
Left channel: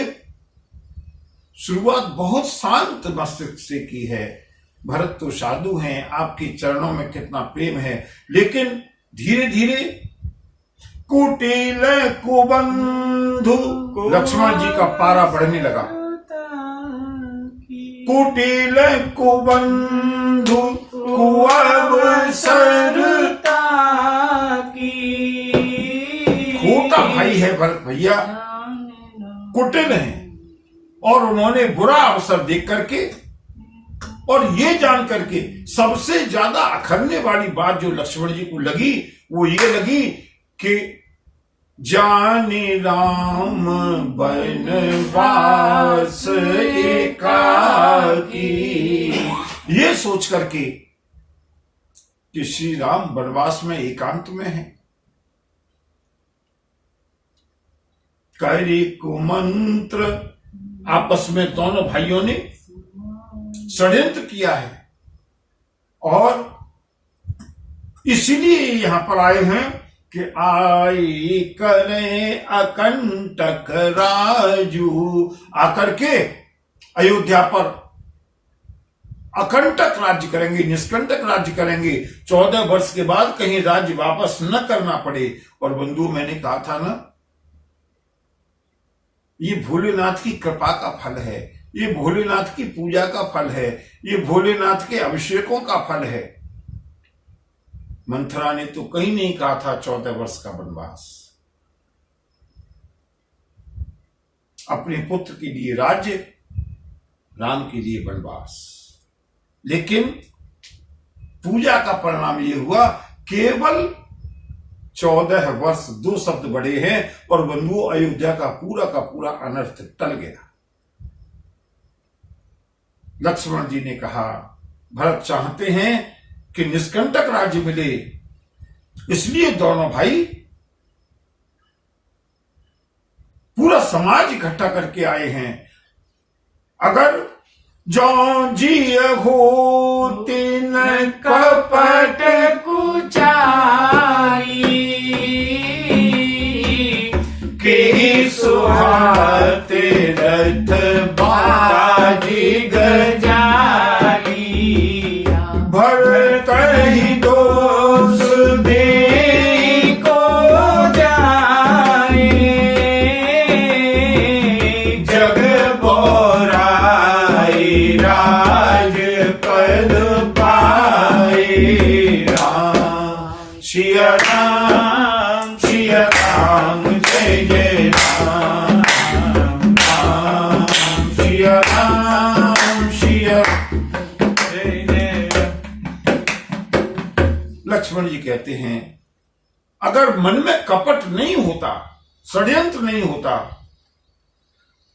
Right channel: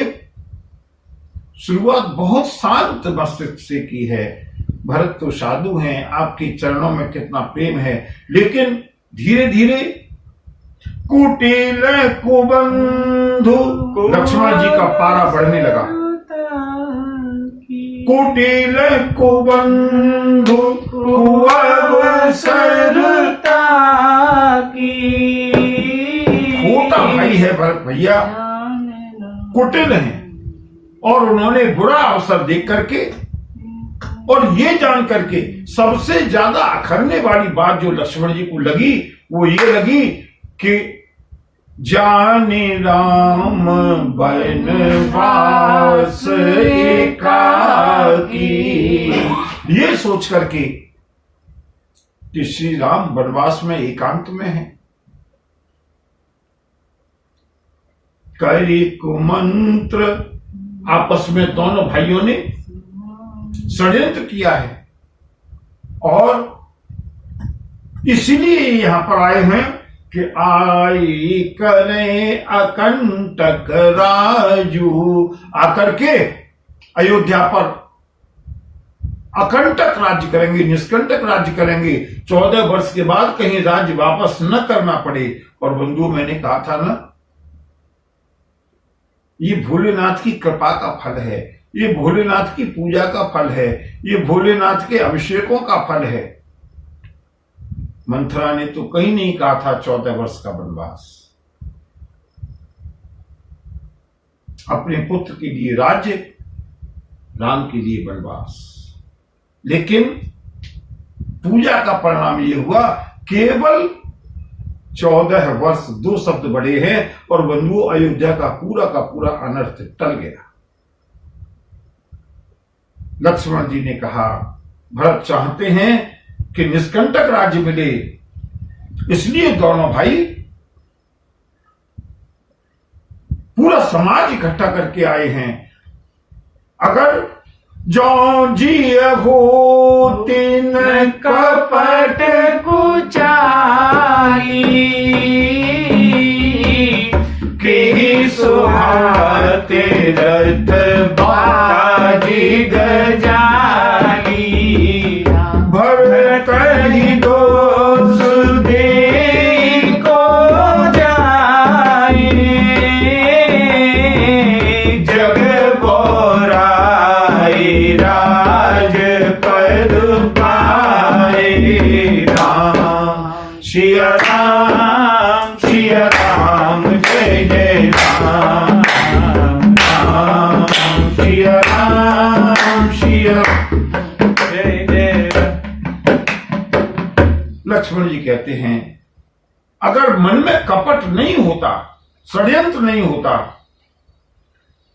शुरुआत बहुत शांत मस्तिष्क से की है। भरत तो साधु हैं, आपके चरणों में कितना प्रेम है, लेकिन धीरे धीरे कुटिल कुबंधु, लक्ष्मण जी का पारा बढ़ने लगा। कुटिल कुबंधु कुअवसरता की, छोटा भाई है भरत भैया, कुटिल हैं, और उन्होंने बुरा अवसर देख करके और ये जान करके सबसे ज्यादा अखरने वाली बात जो लक्ष्मण जी को लगी वो ये लगी कि जाने राम बनवास एकाकी, ये सोच करके कि श्री राम वनवास में एकांत में है। कैरी कुमंत्र, आपस में दोनों भाइयों ने षड्यंत्र किया है और इसीलिए यहां पर आए हैं कि आई करें अकंटक राजू, आकर के अयोध्या पर अकंटक राज्य करेंगे, निष्कंटक राज्य करेंगे। 14 वर्ष के बाद कहीं राज्य वापस न करना पड़े। और बंधु, मैंने कहा था ना, ये भोलेनाथ की कृपा का फल है, ये भोलेनाथ की पूजा का फल है, ये भोलेनाथ के अभिषेकों का फल है। मंथरा ने तो कहीं नहीं कहा था 14 वर्ष का वनवास। अपने पुत्र के लिए राज्य, राम के लिए वनवास। लेकिन पूजा का परिणाम यह हुआ, केवल 14 वर्ष 2 शब्द बढ़े हैं और बंधु अयोध्या का पूरा अनर्थ टल गया। लक्ष्मण जी ने कहा, भरत चाहते हैं कि निष्कंटक राज्य मिले, इसलिए दोनों भाई पूरा समाज इकट्ठा करके आए हैं। अगर जो जी हो तीन कपट कुचाई के सुहाते रथ बाजी गजाई, भर कही दोष दे को जाए, जग बोराई राज पद पाए। राम सिया राम जय जय राम, राम सिया जय जय राम। लक्ष्मण जी कहते हैं, अगर मन में कपट नहीं होता, षड्यंत्र नहीं होता,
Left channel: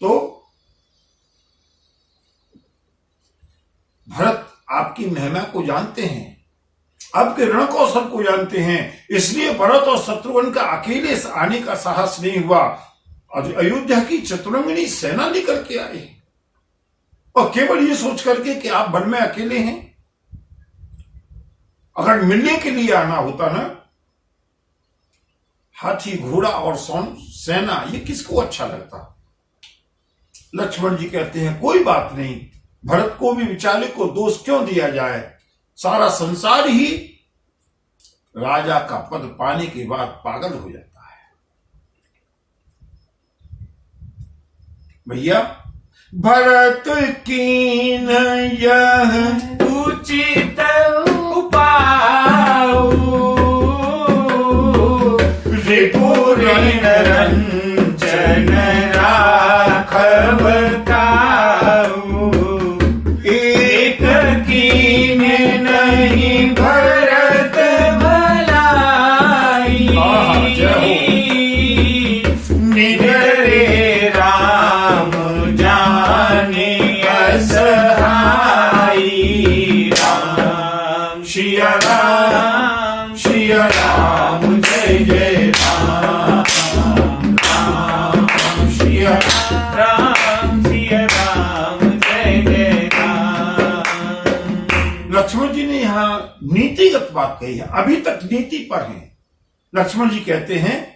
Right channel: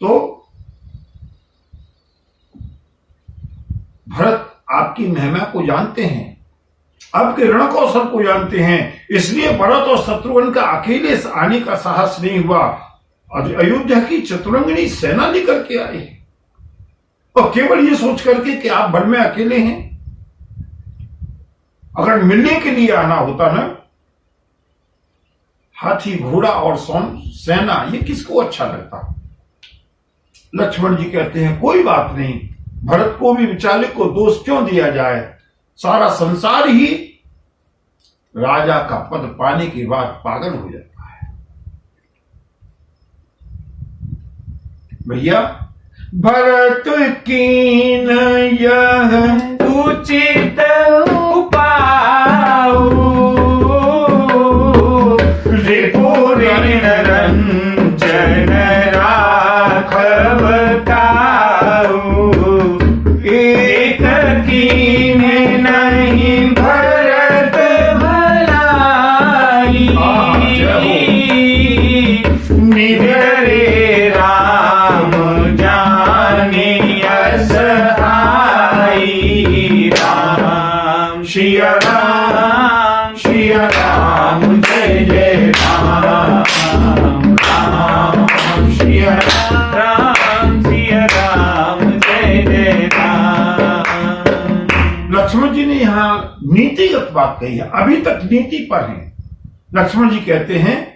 तो भरत आपकी महिमा को जानते हैं, आपके रण कौशल को जानते हैं, इसलिए भरत और शत्रुघ्न का अकेले आने का साहस नहीं हुआ। अयोध्या की चतुरंगिनी सेना लेकर के आए और केवल ये सोच करके कि आप वन में अकेले हैं। अगर मिलने के लिए आना होता ना, हाथी घोड़ा और सेना, ये किसको अच्छा लगता। लक्ष्मण जी कहते हैं, कोई बात नहीं, भरत को भी बेचारे को दोष क्यों दिया जाए, सारा संसार ही राजा का पद पाने के बाद पागल हो जाता है। भैया, भरत कीन यह उचित उपाय रिपुर रंजन राघव काऊ एक कीन नहीं भरत भलाई निडरे राम जाने असहाई राम सिया राम जय जय राम राम सिया राम जय जय राम। लक्ष्मण जी ने यहाँ नीतिगत बात कही है, अभी तक नीति पर है। लक्ष्मण जी कहते हैं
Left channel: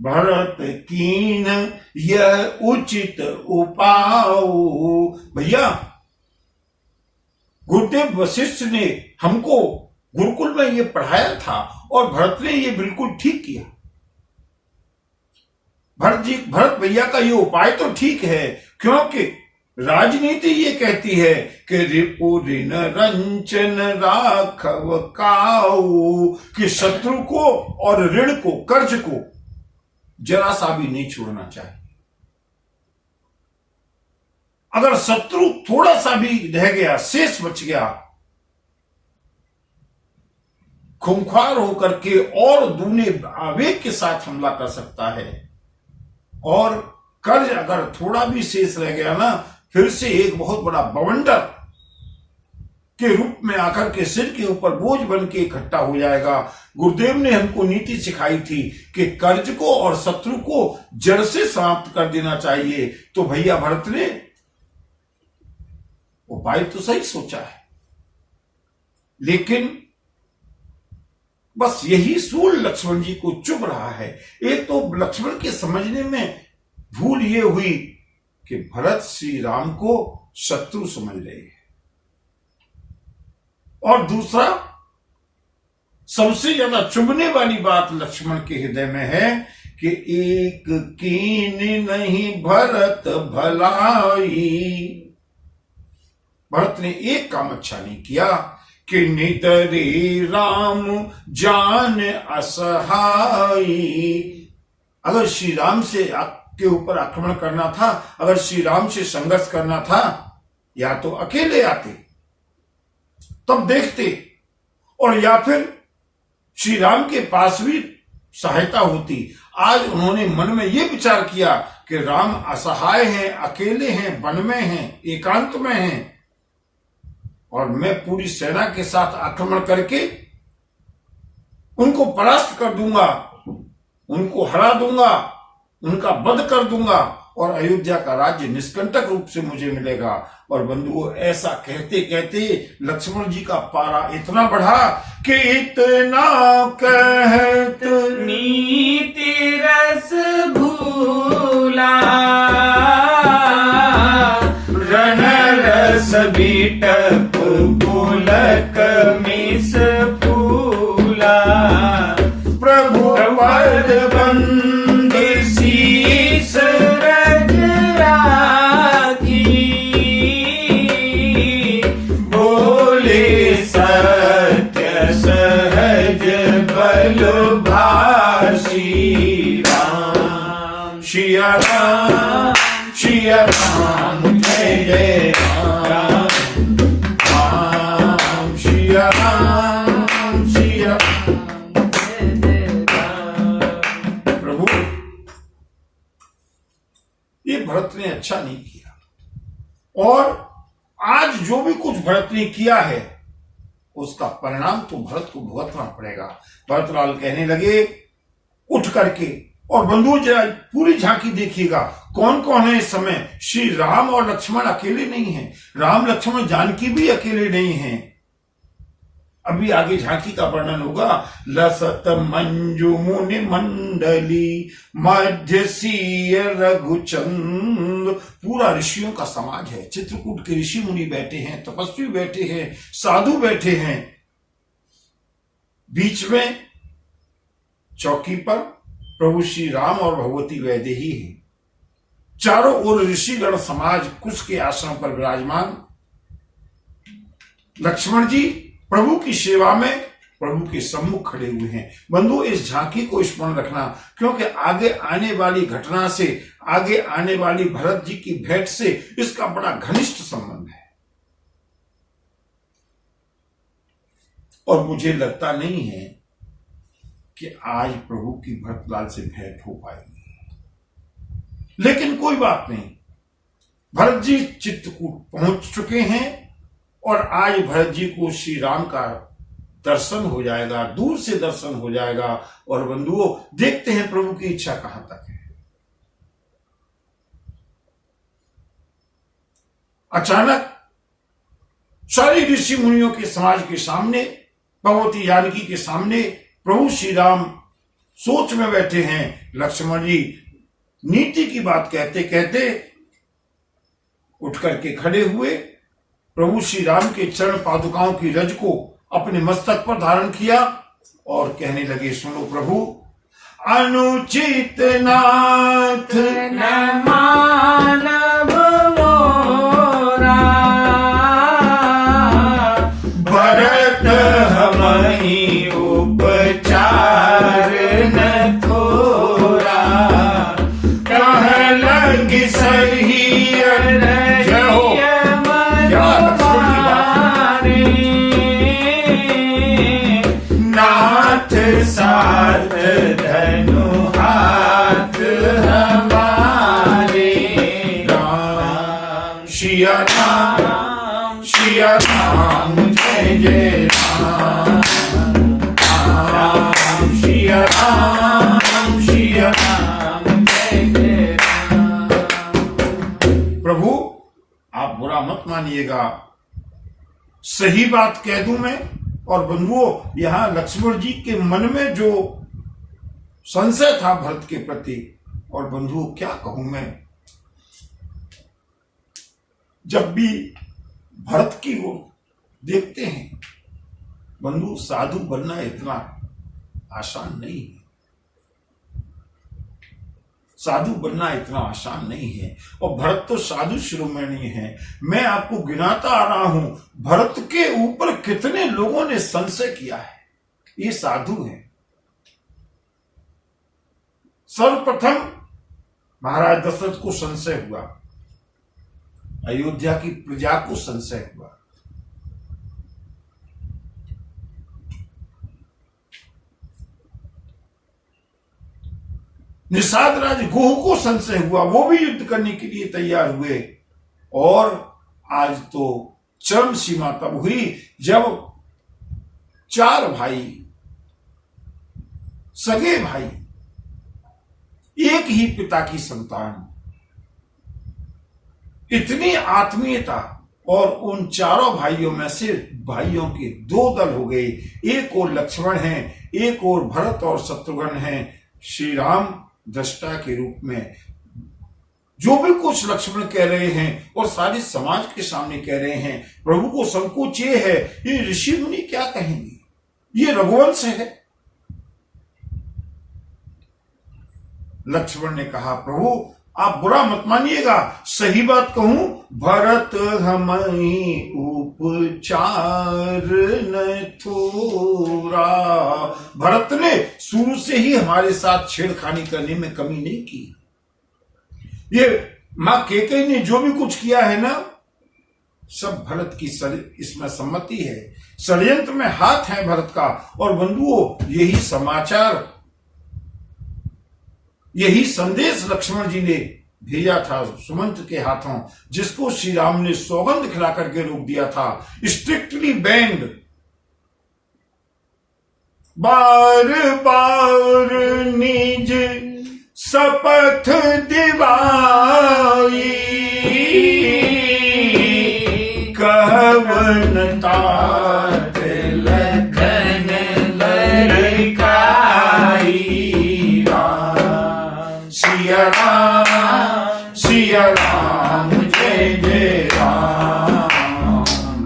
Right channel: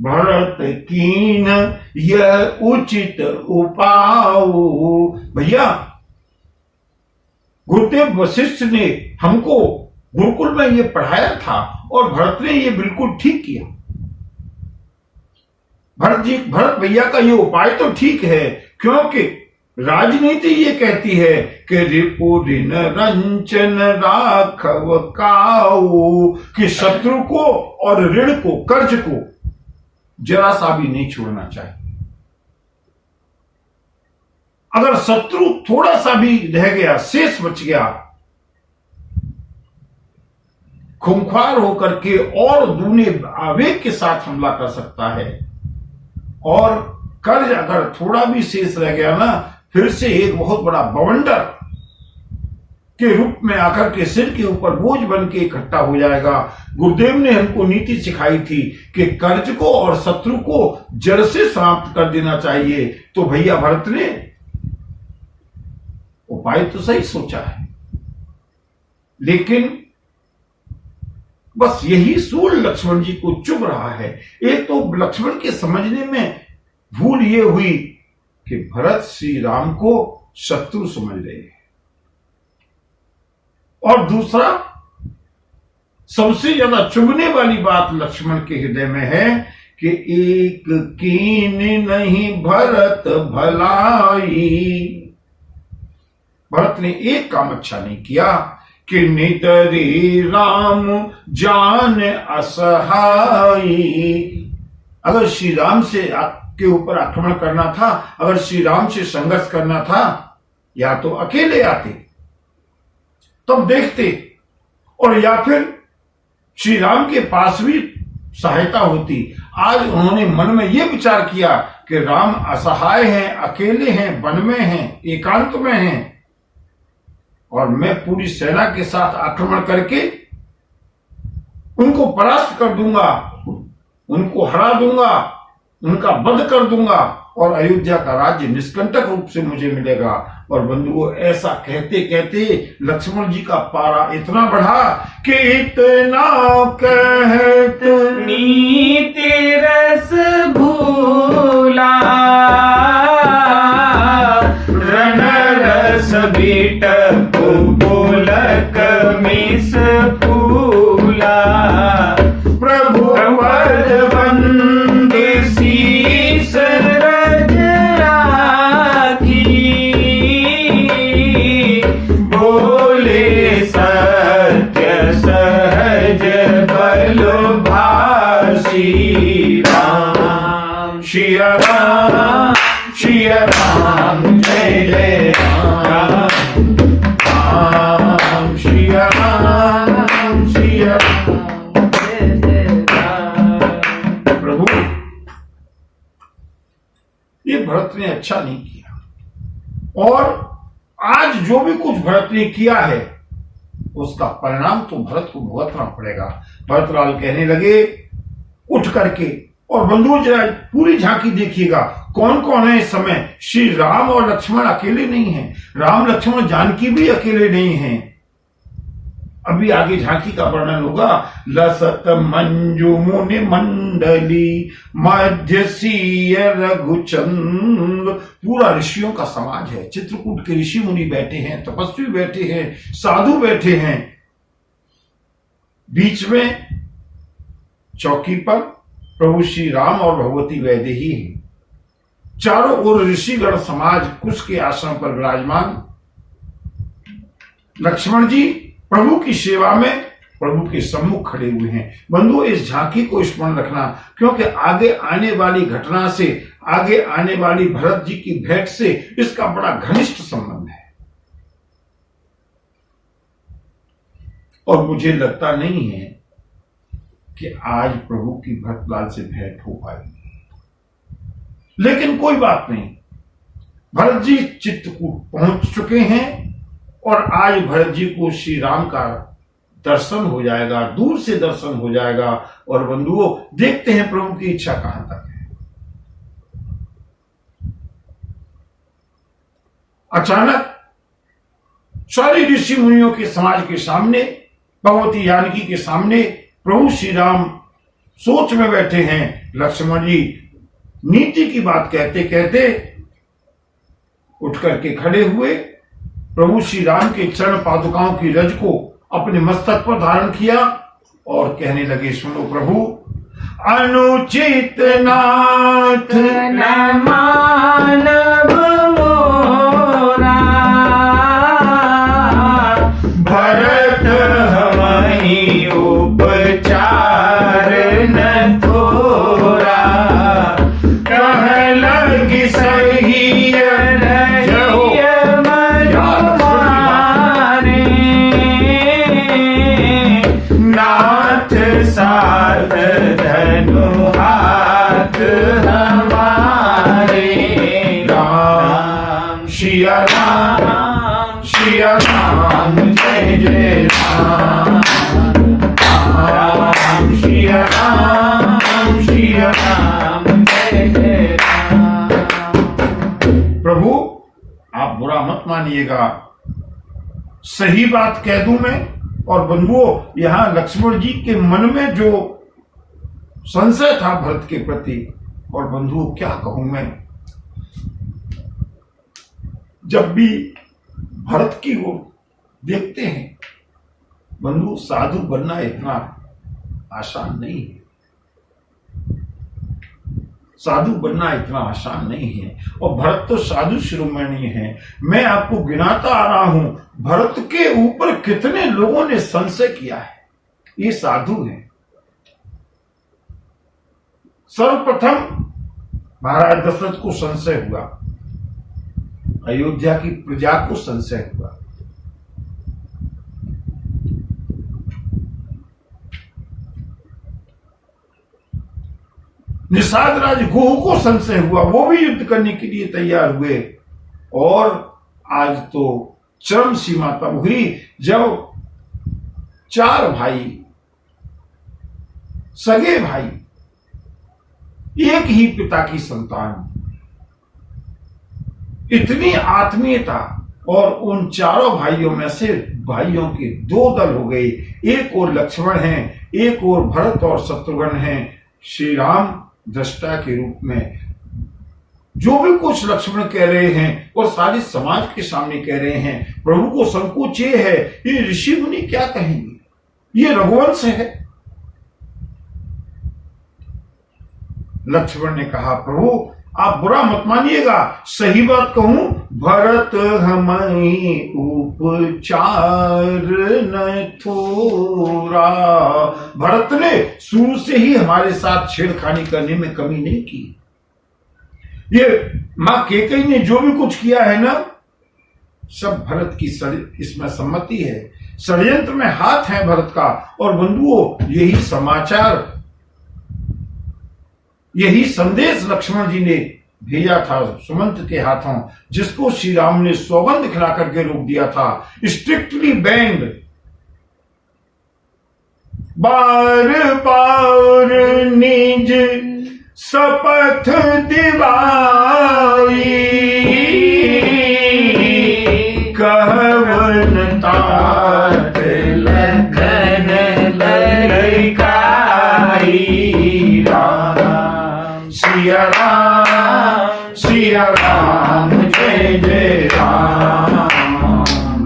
भरत कीन यह उचित उपाय। भैया गुरुदेव वशिष्ठ ने हमको गुरुकुल में ये पढ़ाया था और भरत ने ये बिल्कुल ठीक किया। भरत भैया का ये उपाय तो ठीक है, क्योंकि राजनीति ये कहती है कि रिपुरिन रंचन राघव काऊ, कि शत्रु को और ऋण को, कर्ज को जरा सा भी नहीं छोड़ना चाहिए। अगर शत्रु थोड़ा सा भी रह गया, शेष बच गया, खूंखार होकर के और दूने आवेग के साथ हमला कर सकता है। और कर्ज अगर थोड़ा भी शेष रह गया ना, फिर से एक बहुत बड़ा बवंडर के रूप में आकर के सिर के ऊपर बोझ बन के इकट्ठा हो जाएगा। गुरुदेव ने हमको नीति सिखाई थी कि कर्ज को और शत्रु को जड़ से समाप्त कर देना चाहिए। तो भैया भरत ने उपाय तो सही सोचा है, लेकिन बस यही सूल लक्ष्मण जी को चुभ रहा है। एक तो लक्ष्मण के समझने में भूल ये हुई कि भरत श्री राम को शत्रु समझ रहे हैं, और दूसरा सबसे ज्यादा चुभने वाली बात लक्ष्मण के हृदय में है कि एक कीन नहीं भरत भलाई। भरत ने एक काम अच्छा नहीं किया कि नितरे राम जान असहाई। अगर श्री राम से के ऊपर आक्रमण करना था, अगर श्री राम से संघर्ष करना था, या तो अकेले आते तब देखते, और या फिर श्री राम के पास भी सहायता होती। आज उन्होंने मन में यह विचार किया कि राम असहाय हैं, अकेले हैं, वन में हैं, एकांत में हैं, और मैं पूरी सेना के साथ आक्रमण करके उनको परास्त कर दूंगा, उनको हरा दूंगा, उनका वध कर दूंगा, और अयोध्या का राज्य निष्कंटक रूप से मुझे मिलेगा। और बंधुओं, ऐसा कहते कहते लक्ष्मण जी का पारा इतना बढ़ा कि इतना कहत नीति रस भूला रण रस बीटक बोलक मिस फूला प्रभु पद बंद शीस रज राखी बोले सत्य सहज बल भाषी राम सिया राम जय जय राम राम सिया राम जय जय राम। प्रभु, ये भरत ने अच्छा नहीं किया, और आज जो भी कुछ भरत ने किया है उसका परिणाम तो भरत को भुगतना पड़ेगा। भरतलाल कहने लगे उठ करके, और बंधुओं जरा पूरी झांकी देखिएगा, कौन कौन है इस समय। श्री राम और लक्ष्मण अकेले नहीं हैं, राम लक्ष्मण जानकी भी अकेले नहीं हैं। अभी आगे झांकी का वर्णन होगा। लसत मंजु मुनि मंडली मध्य सीय रघुचंद, पूरा ऋषियों का समाज है। चित्रकूट के ऋषि मुनि बैठे हैं, तपस्वी बैठे हैं, साधु बैठे हैं। बीच में चौकी पर प्रभु श्री राम और भगवती वैदेही है। चारों ओर ऋषिगण समाज कुश के आश्रम पर विराजमान। लक्ष्मण जी प्रभु की सेवा में प्रभु के सम्मुख खड़े हुए हैं। बंधुओं, इस झांकी को स्मरण रखना, क्योंकि आगे आने वाली घटना से, आगे आने वाली भरत जी की भेंट से इसका बड़ा घनिष्ठ संबंध है। और मुझे लगता नहीं है कि आज प्रभु की भरतलाल से भेंट हो पाएगी, लेकिन कोई बात नहीं, भरत जी चित्रकूट पहुंच चुके हैं और आज भरत जी को श्री राम का दर्शन हो जाएगा, दूर से दर्शन हो जाएगा। और बंधुओं, देखते हैं प्रभु की इच्छा कहां तक है। अचानक सारी ऋषि मुनियों के समाज के सामने, भगवती जानकी के सामने प्रभु श्री राम सोच में बैठे हैं। लक्ष्मण जी नीति की बात कहते कहते उठ करके खड़े हुए, प्रभु श्री राम के चरण पादुकाओं की रज को अपने मस्तक पर धारण किया और कहने लगे, सुनो प्रभु, अनुचित नाथ न मानव मोरा, भरत हमहि उपचार न थोरा, कह लगी सही साथ धनु हाथ हमारे। राम सिया राम, सिया राम, जय जय राम, राम सिया राम, सिया राम, जय जय राम। प्रभु आप बुरा मत मानिएगा, सही बात कह दूं मैं। और बंधुओं, यहां लक्ष्मण जी के मन में जो संशय था भरत के प्रति, और बंधुओं क्या कहूं मैं, जब भी भरत की ओर देखते हैं बंधु, साधु बनना इतना आसान नहीं है, साधु बनना इतना आसान नहीं है। और भरत तो साधु शिरोमणि है। मैं आपको गिनाता आ रहा हूं, भरत के ऊपर कितने लोगों ने संशय किया है, ये साधु है। सर्वप्रथम महाराज दशरथ को संशय हुआ, अयोध्या की प्रजा को संशय हुआ, निषाद राज गोह को संशय हुआ, वो भी युद्ध करने के लिए तैयार हुए। और आज तो चरम सीमा तब हुई जब चार भाई, सगे भाई, एक ही पिता की संतान, इतनी आत्मीयता, और उन चारों भाइयों में से भाइयों के दो दल हो गए। एक और लक्ष्मण हैं, एक और भरत और शत्रुघ्न हैं। श्री राम दृष्टा के रूप में जो भी कुछ लक्ष्मण कह रहे हैं और सारे समाज के सामने कह रहे हैं, प्रभु को संकोच ये है, ये ऋषि मुनि क्या कहेंगे, ये रघुवंश है। लक्ष्मण ने कहा, प्रभु आप बुरा मत मानिएगा, सही बात कहूं, भरत हमहि उपचार न थोरा। भरत ने शुरू से ही हमारे साथ छेड़खानी करने में कमी नहीं की। ये मां कैकेयी ने जो भी कुछ किया है ना, सब भरत की इसमें सम्मति है, षड्यंत्र में हाथ है भरत का। और बंधुओं, यही समाचार, यही संदेश लक्ष्मण जी ने भेजा था सुमंत के हाथों, जिसको श्री राम ने सौगंध खिला करके रोक दिया था, स्ट्रिक्टली बैंड। बार बार निज शपथ दिवाई, कहवन तात लखन ललकाई। सिया राम, सिया राम, जय जय राम,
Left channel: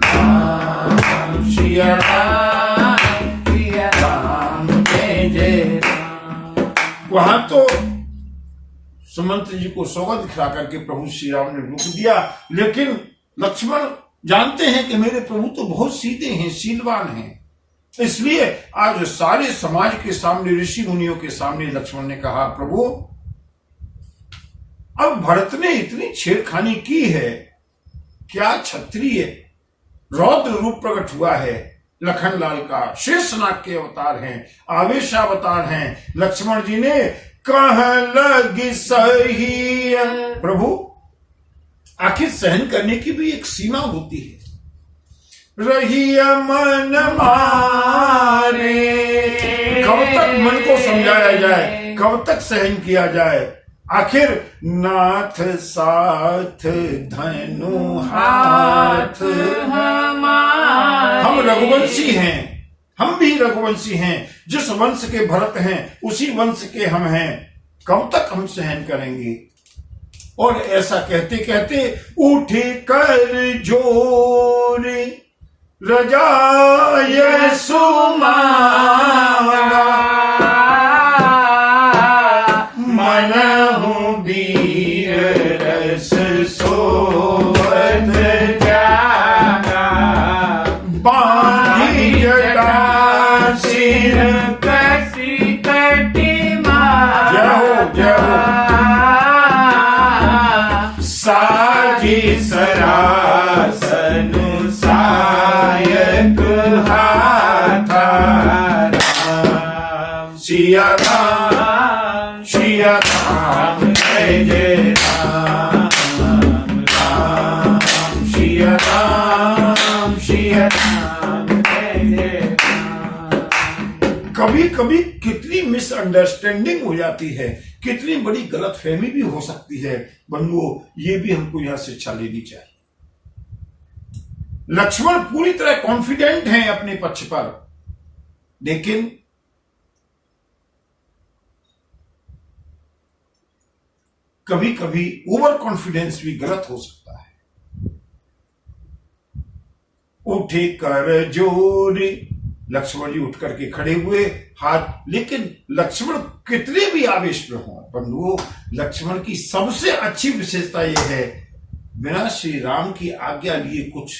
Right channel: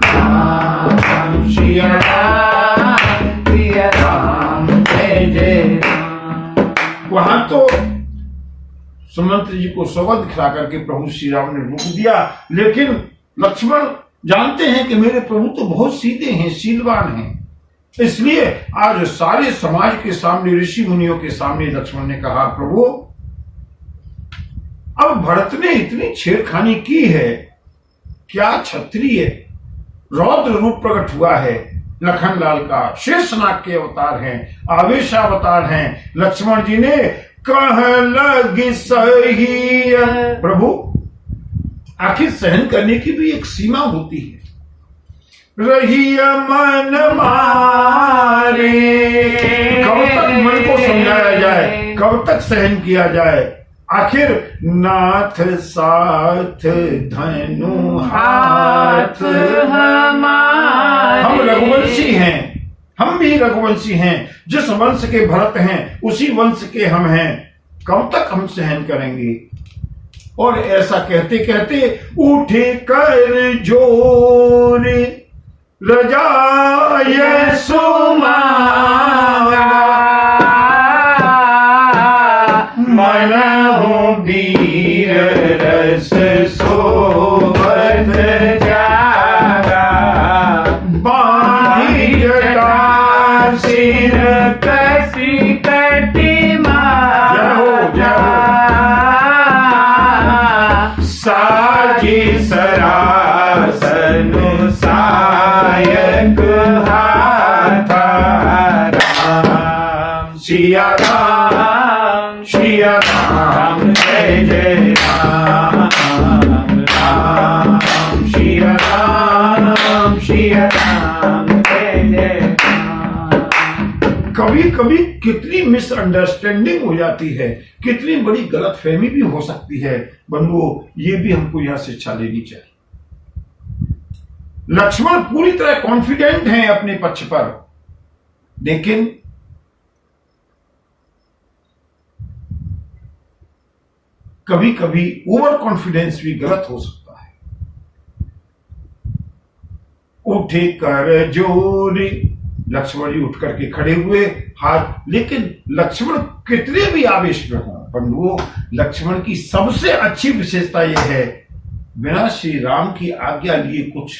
राम सिया राम, सिया राम, जय जय राम। वहां तो सुमंत जी को सौगंध खिला करके प्रभु श्री राम ने रोक दिया। लेकिन लक्ष्मण जानते हैं कि मेरे प्रभु तो बहुत सीधे हैं, शीलवान हैं, इसलिए आज सारे समाज के सामने, ऋषि मुनियों के सामने लक्ष्मण ने कहा, प्रभु अब भरत ने इतनी छेड़खानी की है, क्या क्षत्रिय रौद्र रूप प्रकट हुआ है, लखनलाल का शेषनाग के अवतार हैं, आवेशावतार हैं। लक्ष्मण जी ने कह लगी सही, प्रभु आखिर सहन करने की भी एक सीमा होती है। रही मन मारे, कब तक मन को समझाया जाए, कब तक सहन किया जाए। आखिर नाथ साथ धनु हाथ, हम रघुवंशी हैं, हम भी रघुवंशी हैं, जिस वंश के भरत हैं उसी वंश के हम हैं, कब तक हम सहन करेंगे। और ऐसा कहते कहते उठे कर जोर रजाय सुमाला, मन हो वीर रस सोवत जागा, बांधी जटा सिर कसी कटी मार, जय हो जय हो, साजी सरासन सायक हाथा, राम सिया राम सिया राम, जय जय राम, राम सिया राम सिया राम, जय जय राम। कभी कभी कितनी मिसअंडरस्टैंडिंग हो जाती है, कितनी बड़ी गलतफहमी भी हो सकती है। बंधुओं, ये भी हमको यहां शिक्षा लेनी चाहिए। लक्ष्मण पूरी तरह कॉन्फिडेंट हैं अपने पक्ष पर, लेकिन कभी कभी ओवर कॉन्फिडेंस भी गलत हो सकता है। उठे कर जोरी, लक्ष्मण जी उठ करके खड़े हुए हाथ, लेकिन लक्ष्मण कितने भी आवेश में हो बंधुओं, लक्ष्मण की सबसे अच्छी विशेषता यह है, बिना श्री राम की आज्ञा लिए कुछ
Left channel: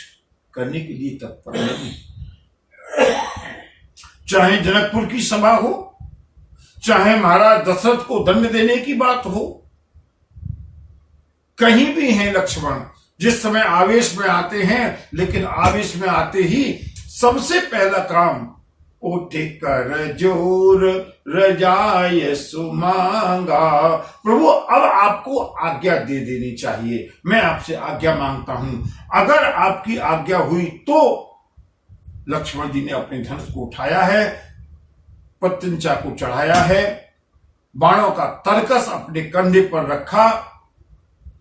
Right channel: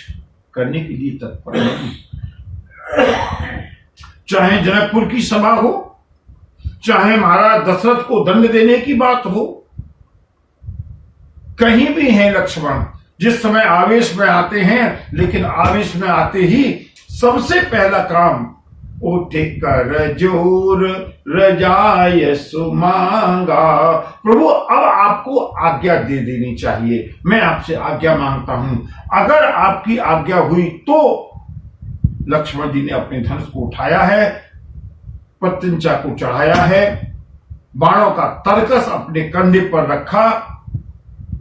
करने के लिए तत्पर नहीं। चाहे जनकपुर की सभा हो, चाहे महाराज दशरथ को दंड देने की बात हो, कहीं भी हैं लक्ष्मण, जिस समय आवेश में आते हैं, लेकिन आवेश में आते ही सबसे पहला काम उठे कर जोर रजाय सुमांगा, प्रभु अब आपको आज्ञा दे देनी चाहिए, मैं आपसे आज्ञा मांगता हूं, अगर आपकी आज्ञा हुई तो। लक्ष्मण जी ने अपने धनुष को उठाया है, प्रत्यंचा को चढ़ाया है, बाणों का तरकस अपने कंधे पर रखा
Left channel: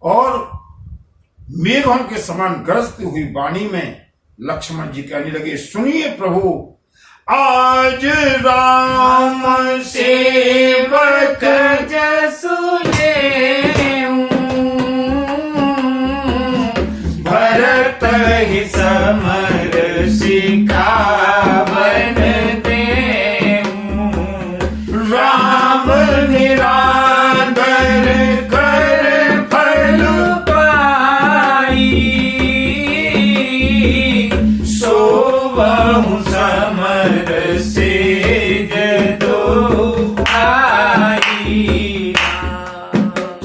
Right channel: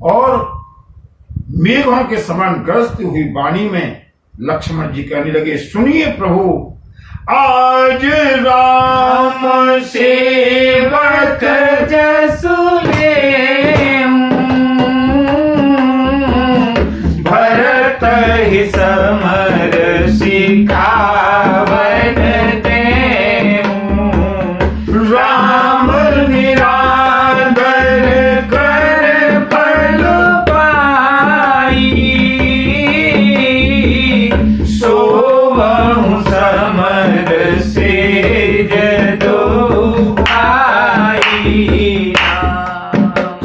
और मेघों के समान गरजती हुई वाणी में लक्ष्मण जी कहने लगे, सुनिए प्रभु, आज राम सेवक जसुले भरत ही समर सिखावन दे, राम निरादर कर फल पाई, सोवहु समर से जदो आई।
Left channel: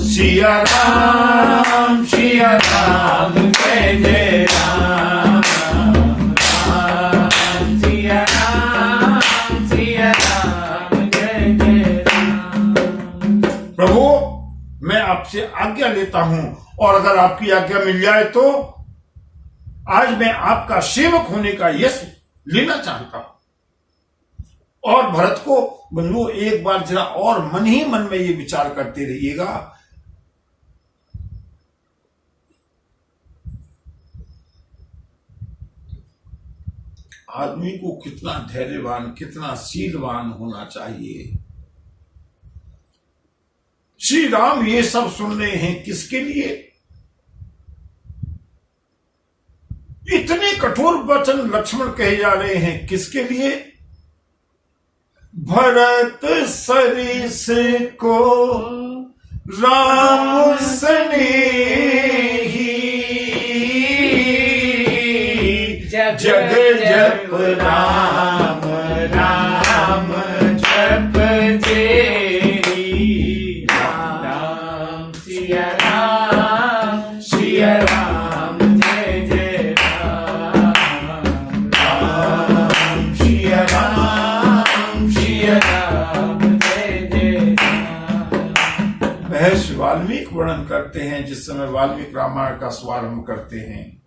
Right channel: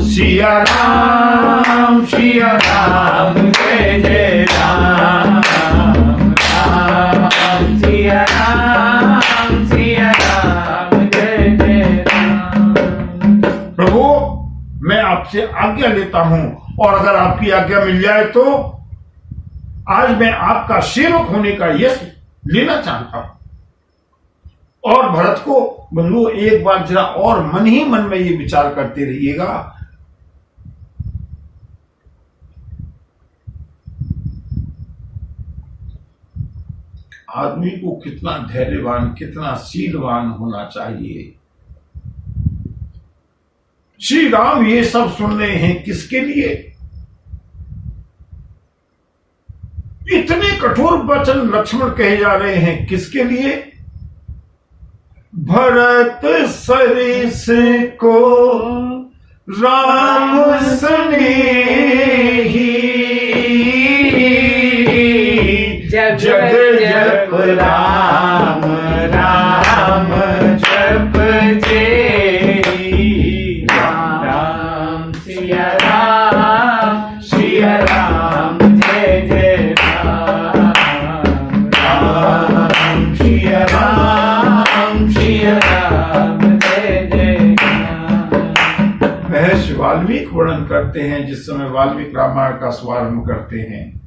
सिया राम जय जय राम, राम सिया राम जय जय राम। प्रभु, मैं आपसे आज्ञा लेता हूं, और अगर आपकी आज्ञा मिल जाए तो आज मैं आपका सेवक होने का यश लेना चाहता हूं। और भरत को बंधु एक बार जरा और मन ही मन में ये विचार करते रहिएगा, आदमी को कितना धैर्यवान, कितना शीलवान होना चाहिए। श्री राम ये सब सुन रहे हैं किसके लिए? इतने कठोर वचन लक्ष्मण कहे जा रहे हैं किसके लिए? भरत सरिस को राम स्नेही जग जप राम राम जप जेरी राम सिया राम जय जय राम राम सिया राम जय जय राम। महर्षि वाल्मीकि वर्णन करते हैं, जिस समय वाल्मीकि रामायण का शुभारंभ करते हैं,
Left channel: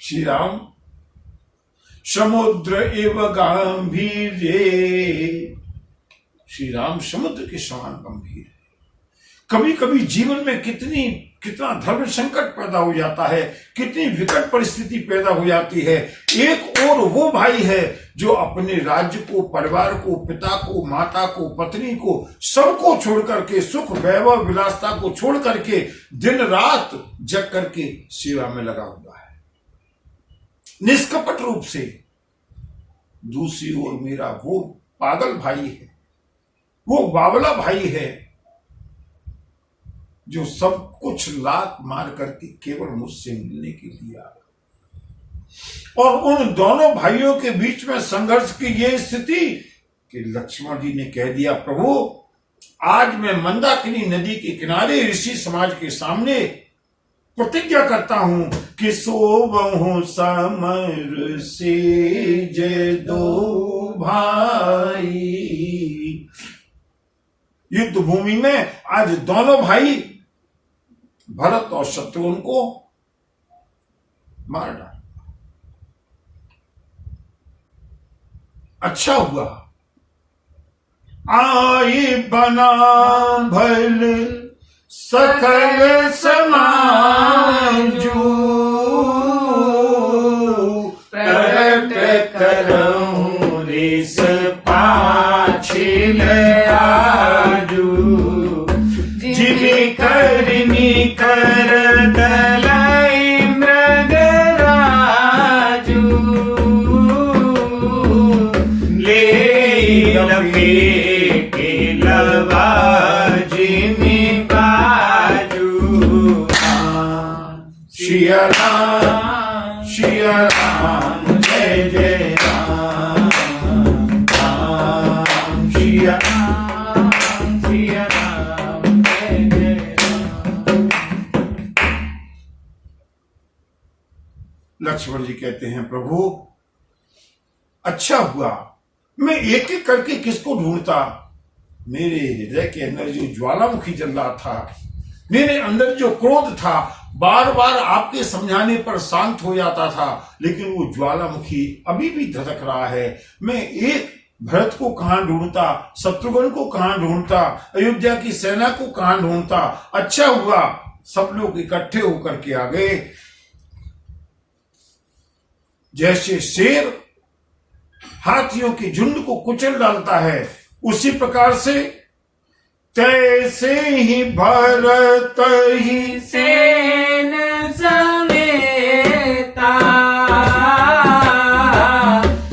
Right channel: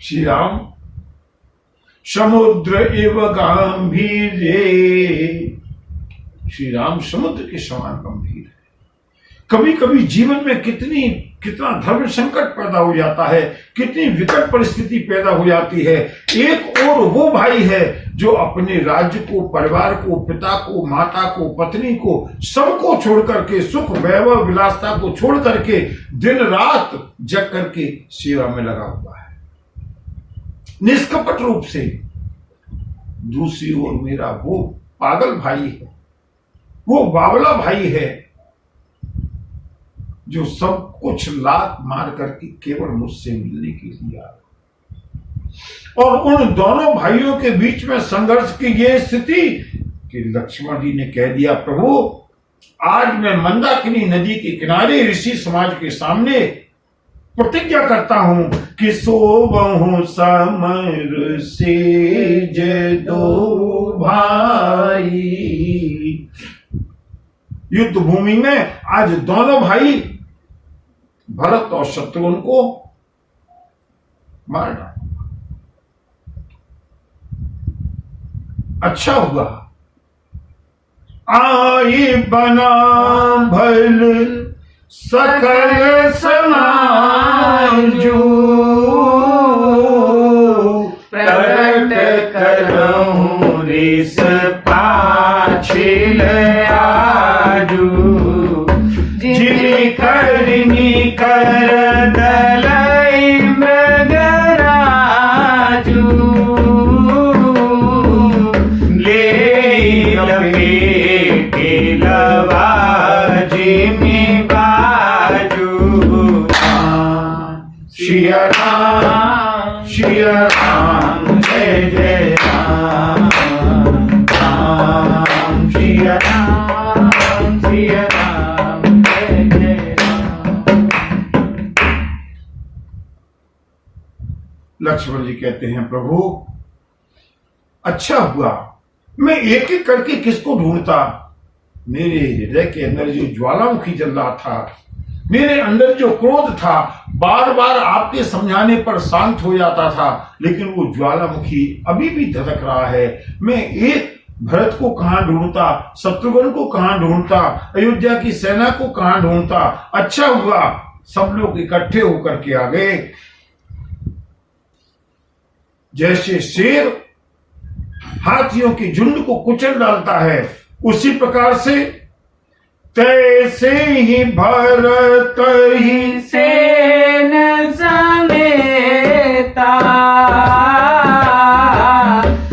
श्री राम समुद्र एव गंभीरे, श्री राम समुद्र के समान गंभीर है। कभी कभी जीवन में कितना धर्म संकट पैदा हो जाता है, कितनी विकट परिस्थिति पैदा हो जाती है। एक और वो भाई है जो अपने राज्य को, परिवार को, पिता को, माता को, पत्नी को, सबको छोड़ करके, सुख वैभव विलासता को छोड़ करके दिन रात जग करके सेवा में लगा हुआ है, निष्कपट रूप से। दूसरी ओर मेरा वो पागल भाई है, वो बावला भाई है, जो सब कुछ लात मार करके केवल मुझसे मिलने के लिए आया। और उन दोनों भाइयों के बीच में संघर्ष की यह स्थिति कि लक्ष्मण जी ने कह दिया, प्रभु आज मैं मंदाकिनी नदी के किनारे ऋषि समाज के सामने प्रतिज्ञा करता हूं कि सोबहु समर से जय दो भाई। युद्ध भूमि में आज दोनों भाई भरत और शत्रुघ्न को मार डाला। अच्छा हुआ आई बना भल सकल समाजू, प्रगट करऊं रिस पाछिल आजू, जिनि करनी कर दलाई मृगराजू, ले लपेटे लवा जिमि बाजू। श्री राम जय जय राम राम श्री राम जय जय राम। लक्ष्मण जी कहते हैं, प्रभु अच्छा हुआ, मैं एक एक करके किसको ढूंढता। मेरे हृदय के अंदर जो ज्वालामुखी जल रहा था, मेरे अंदर जो क्रोध था, बार बार आपके समझाने पर शांत हो जाता था, लेकिन वो ज्वालामुखी अभी भी धधक रहा है। मैं एक भरत को कहां ढूंढता, शत्रुघ्न को कहां ढूंढता, अयोध्या की सेना को कहां ढूंढता। अच्छा हुआ सब लोग इकट्ठे होकर के आ गए। जैसे शेर हाथियों के झुंड को कुचल डालता है, उसी प्रकार से तैसे ही भरत ही सेन समेता,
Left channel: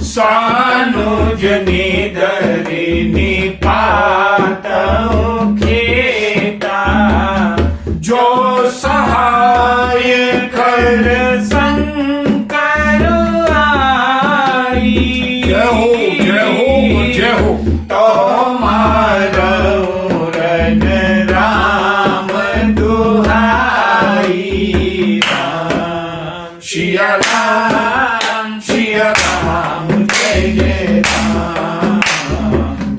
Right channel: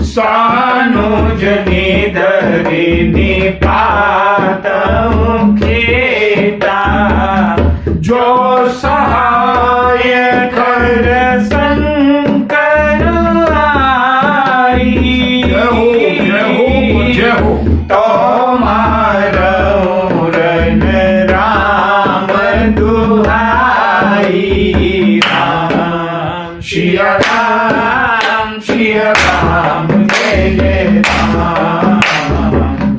सानुज निधरि निपातौ खेता, जो सहाय कर शंकर आई। जय हो जय हो जय हो। तो मारो रन राम दुहाई, राम सिया राम जय जय राम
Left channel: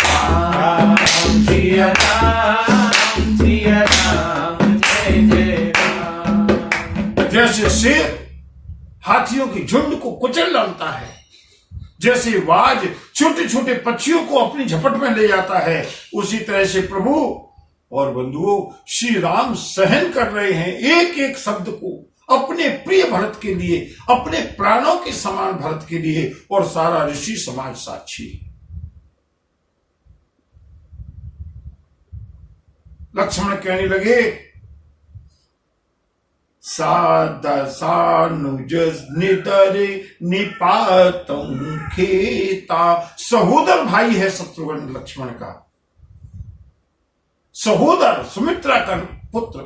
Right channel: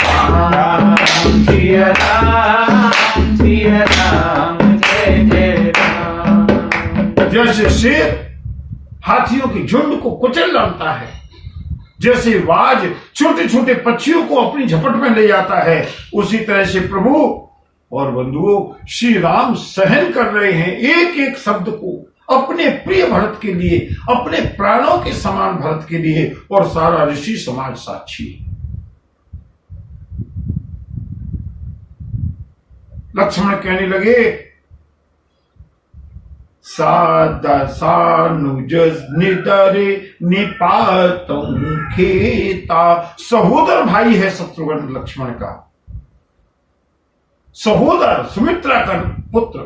राम सिया राम जय जय राम। जैसे शेर हाथियों के झुंड को कुचल डालता है, जैसे बाज छोटे छोटे पक्षियों को अपनी झपट में ले जाता है, उसी तरह से प्रभु और बंधुओं श्री राम सहन कर रहे हैं एक एक शब्द को अपने प्रिय भरत के लिए, अपने प्राणों के समान भरत के लिए, और सारा ऋषि समाज साक्षी। लक्ष्मण कहने लगे, सानुज निदरे निपातों खेता। सहोदर भाई है शत्रुघ्न लक्ष्मण का, सहोदर सुमित्रा का पुत्र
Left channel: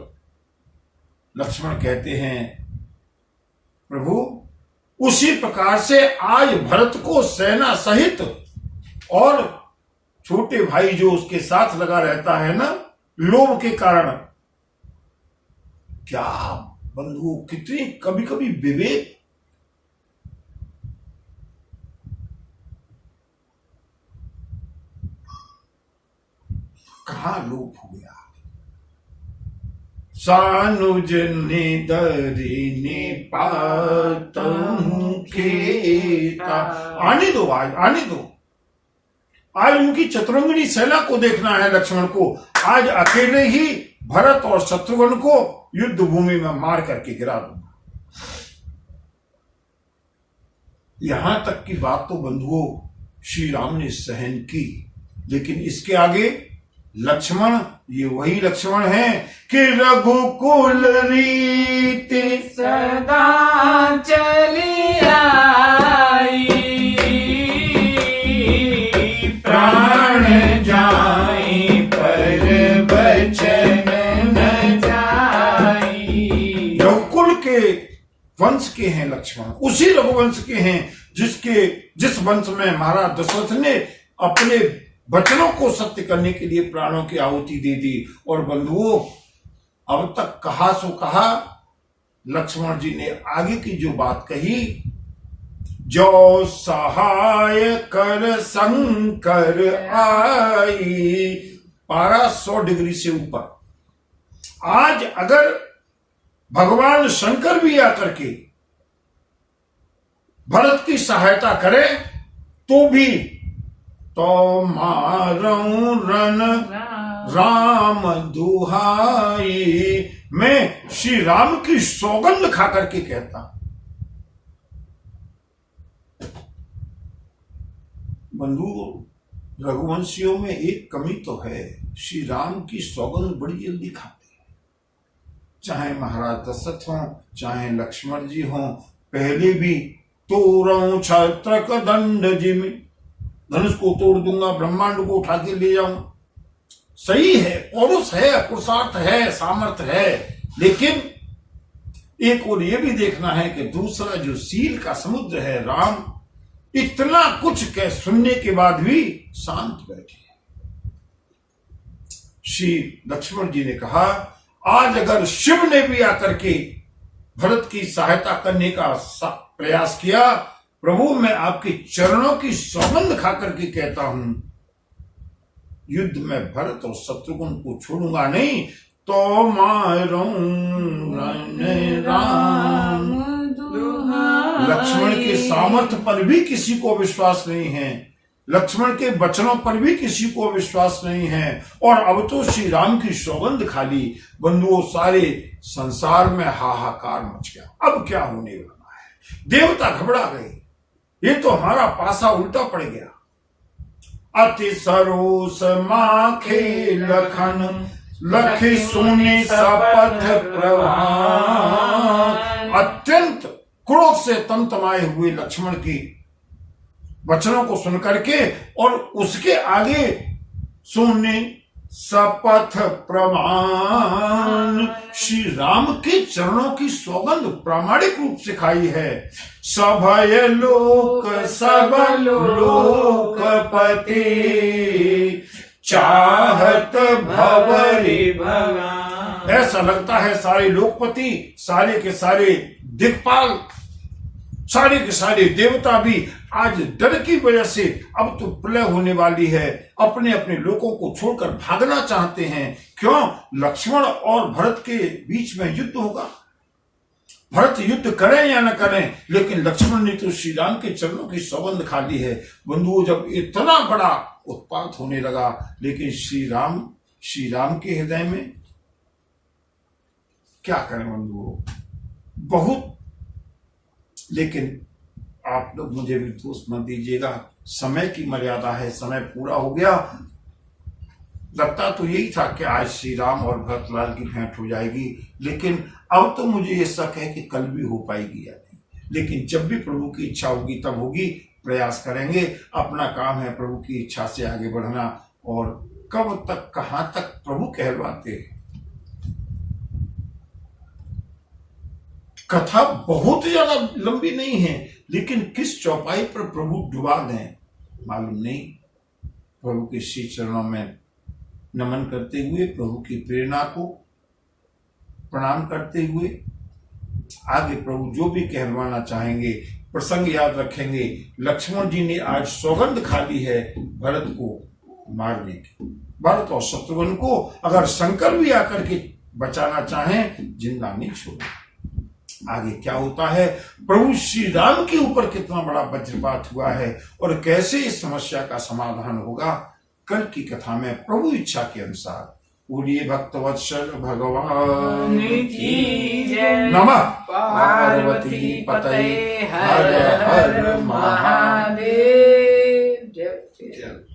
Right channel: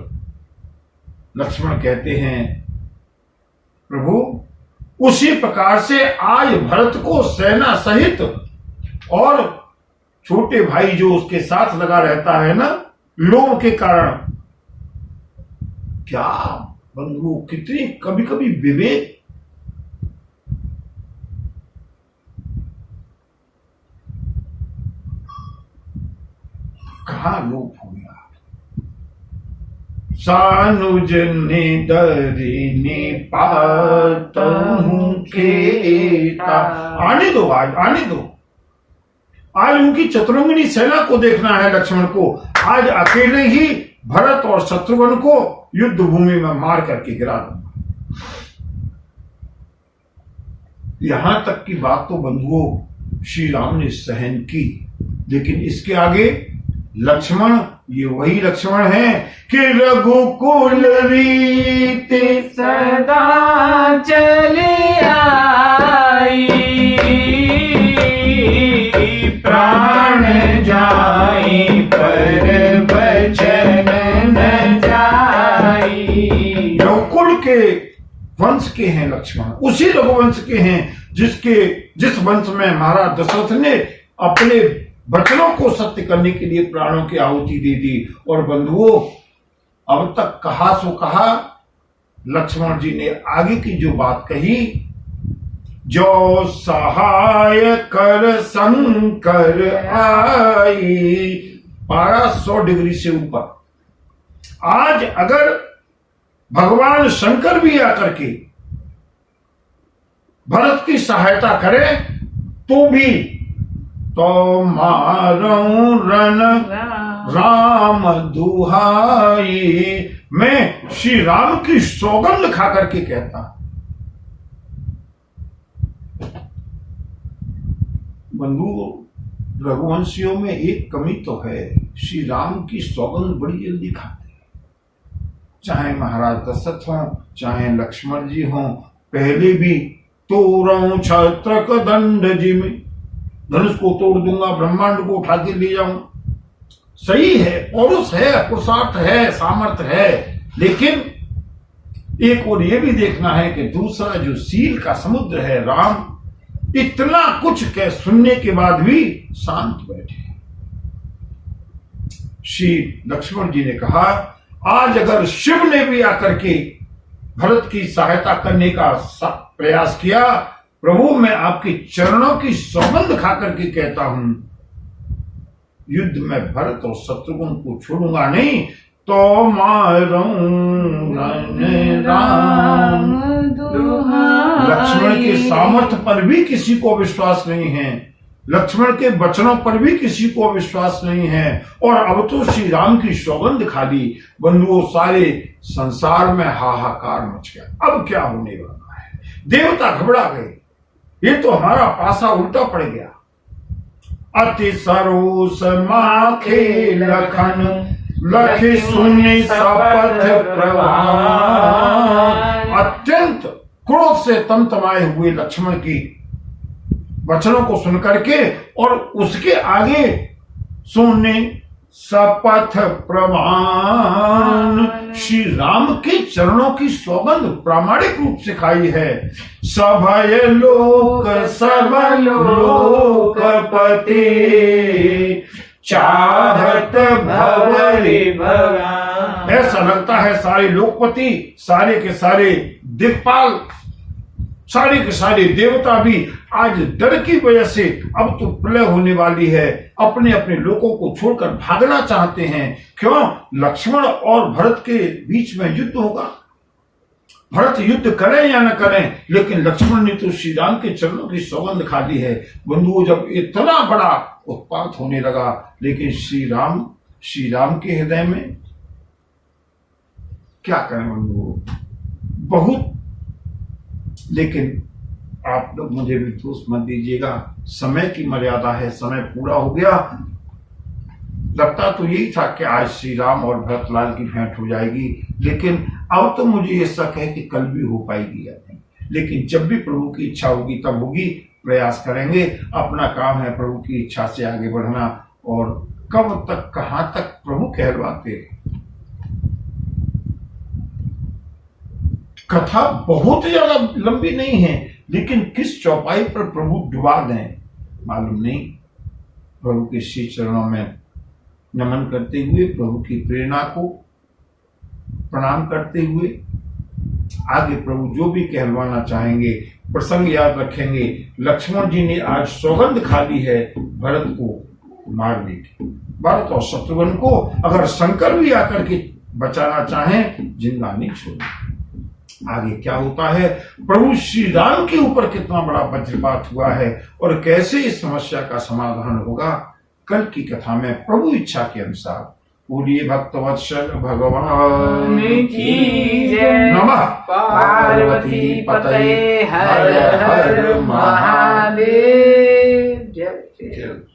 लक्ष्मण कहते हैं प्रभु उसी प्रकार से आज भरत को सेना सहित और छोटे भाई जो उसके साथ लगा रहता है ना लोभ के कारण, क्या बंधु कितनी कभी कभी विवेक, कहां लोप हो गया। सानुज ने दरिनी पातहूं खेता। आने दो, आज आने दो, आज उनकी चतुरंगिनी सेना को देखना है लक्ष्मण को। आज अकेले ही भरत और शत्रुघ्न को युद्ध भूमि में मार करके गिरा दूंगा। यहां तक की बात तो बंधुओं श्री राम ने सहन की, लेकिन इसके आगे लक्ष्मण, ये वही लक्ष्मण है कि रघुकुल रीति सदा चली आई, प्राण जाई पर बचन न जाई। रघुकुल के वंश के हैं लक्ष्मण, उसी रघुवंश के हैं जिस वंश में महाराज दशरथ ने अपने वचनों को सत्य करने के लिए प्राणों की आहुति दे दी। और बंधुओं अब तक कहा सो कहा, लक्ष्मण जी ने आगे की जो बात कही, जो सहाय कर शंकर आई, पारा 100 डिग्री से ऊपर। आज अगर भगवान शंकर भी आकर के भरत की सहायता करे तो भी तो मारूं रन राम दुहाई, मैं श्री राम की सौगंध खा करके कहता। बंधु रघुवंशियों में एक कमी तो है, श्री राम की सौगंध बड़ी जल्दी खाते हैं। चाहे महाराज दशरथ हों, चाहे लक्ष्मण जी हों, पहले भी तोड़ूं छत्रक दंड जिमि, धनुष को तोड़ दूंगा, ब्रह्मांड को उठा के ले जाऊं। सही है, पौरुष है, पुरुषार्थ है, सामर्थ्य है, लेकिन एक और ये भी देखना है कि दूसरा जो सील का समुद्र है राम, इतना कुछ कह सुनने के बाद भी शांत बैठे। श्री लक्ष्मण जी ने कहा आज अगर शिव ने भी आकर के भरत की सहायता करने का प्रयास किया, प्रभु मैं आपके चरणों की सौगंध खा करके कहता हूं, युद्ध में भरत और शत्रुघ्न को छोड़ूंगा नहीं। तो मारूं राम, लक्ष्मण के सामर्थ्य पर भी किसी को विश्वास नहीं है, लक्ष्मण के वचनों पर भी किसी को विश्वास नहीं है, और अब तो श्री राम की सौगंध खा ली। बंधुओं सारे संसार में हाहाकार मच गया। अब क्या होने वाला है? देवता घबरा गए, ये तो हमारा पासा उल्टा पड़ गया। अति सरोस माखे लखन, लखी सुनी सपथ प्रवान। अत्यंत क्रोध से तमतमाए हुए लक्ष्मण की वचनों को सुनकर के और उसके आगे सुने सपथ प्रमाण, श्री राम के चरणों की सौगंध प्रामाणिक रूप से खाई है। सभय लोक सब लोकपति, चाहत भवरी भगवान। ऐसा लगता है सारे लोकपति, सारे के सारे दिक्पाल, सारे के सारे देवता भी आज डर की वजह से अब तो प्रलय होने वाली है, अपने अपने लोगों को छोड़कर भागना चाहते हैं। क्यों? लक्ष्मण और भरत के बीच में युद्ध होगा। भरत युद्ध करें या न करें, लेकिन लक्ष्मण ने तो श्री राम के चरणों की सौगंध खा ली है। बंधुओं जब इतना बड़ा उत्पात होने लगा, लेकिन श्री राम के हृदय में क्या करें बंधुओं, बहुत। लेकिन आप लोग मुझे भी दोष मत दीजिएगा, समय की मर्यादा है, समय पूरा हो गया। लगता तो यही था कि आज श्री राम और भरतलाल की भेंट हो जाएगी, लेकिन अब तो मुझे ये शक है कि कल भी हो पाएगी या नहीं। लेकिन जब भी प्रभु की इच्छा होगी तब होगी, प्रयास करेंगे। अपना काम है प्रभु की इच्छा से आगे बढ़ना, और कब तक कहां तक प्रभु कहलवाते हैं। कथा बहुत ज्यादा लंबी नहीं है, लेकिन किस चौपाई पर प्रभु डुबा दें मालूम नहीं। प्रभु के श्री चरणों में नमन करते हुए, प्रभु की प्रेरणा को प्रणाम करते हुए आगे प्रभु जो भी कहलवाना चाहेंगे, प्रसंग याद रखेंगे। लक्ष्मण जी ने आज सौगंध खा ली है भरत को मारने की। भरत और शत्रुघ्न को अगर शंकर भी आकर के बचाना चाहें, जिंदा नहीं छोड़े। आगे क्या होता है, प्रभु श्री राम के ऊपर कितना बड़ा वज्रपात हुआ है और कैसे इस समस्या का समाधान होगा, कल की कथा में प्रभु इच्छा के अनुसार। बोलिए भक्तवत्सल भगवान की जय। नमः पार्वती पतये हर हर महादेव। जय जय। जय।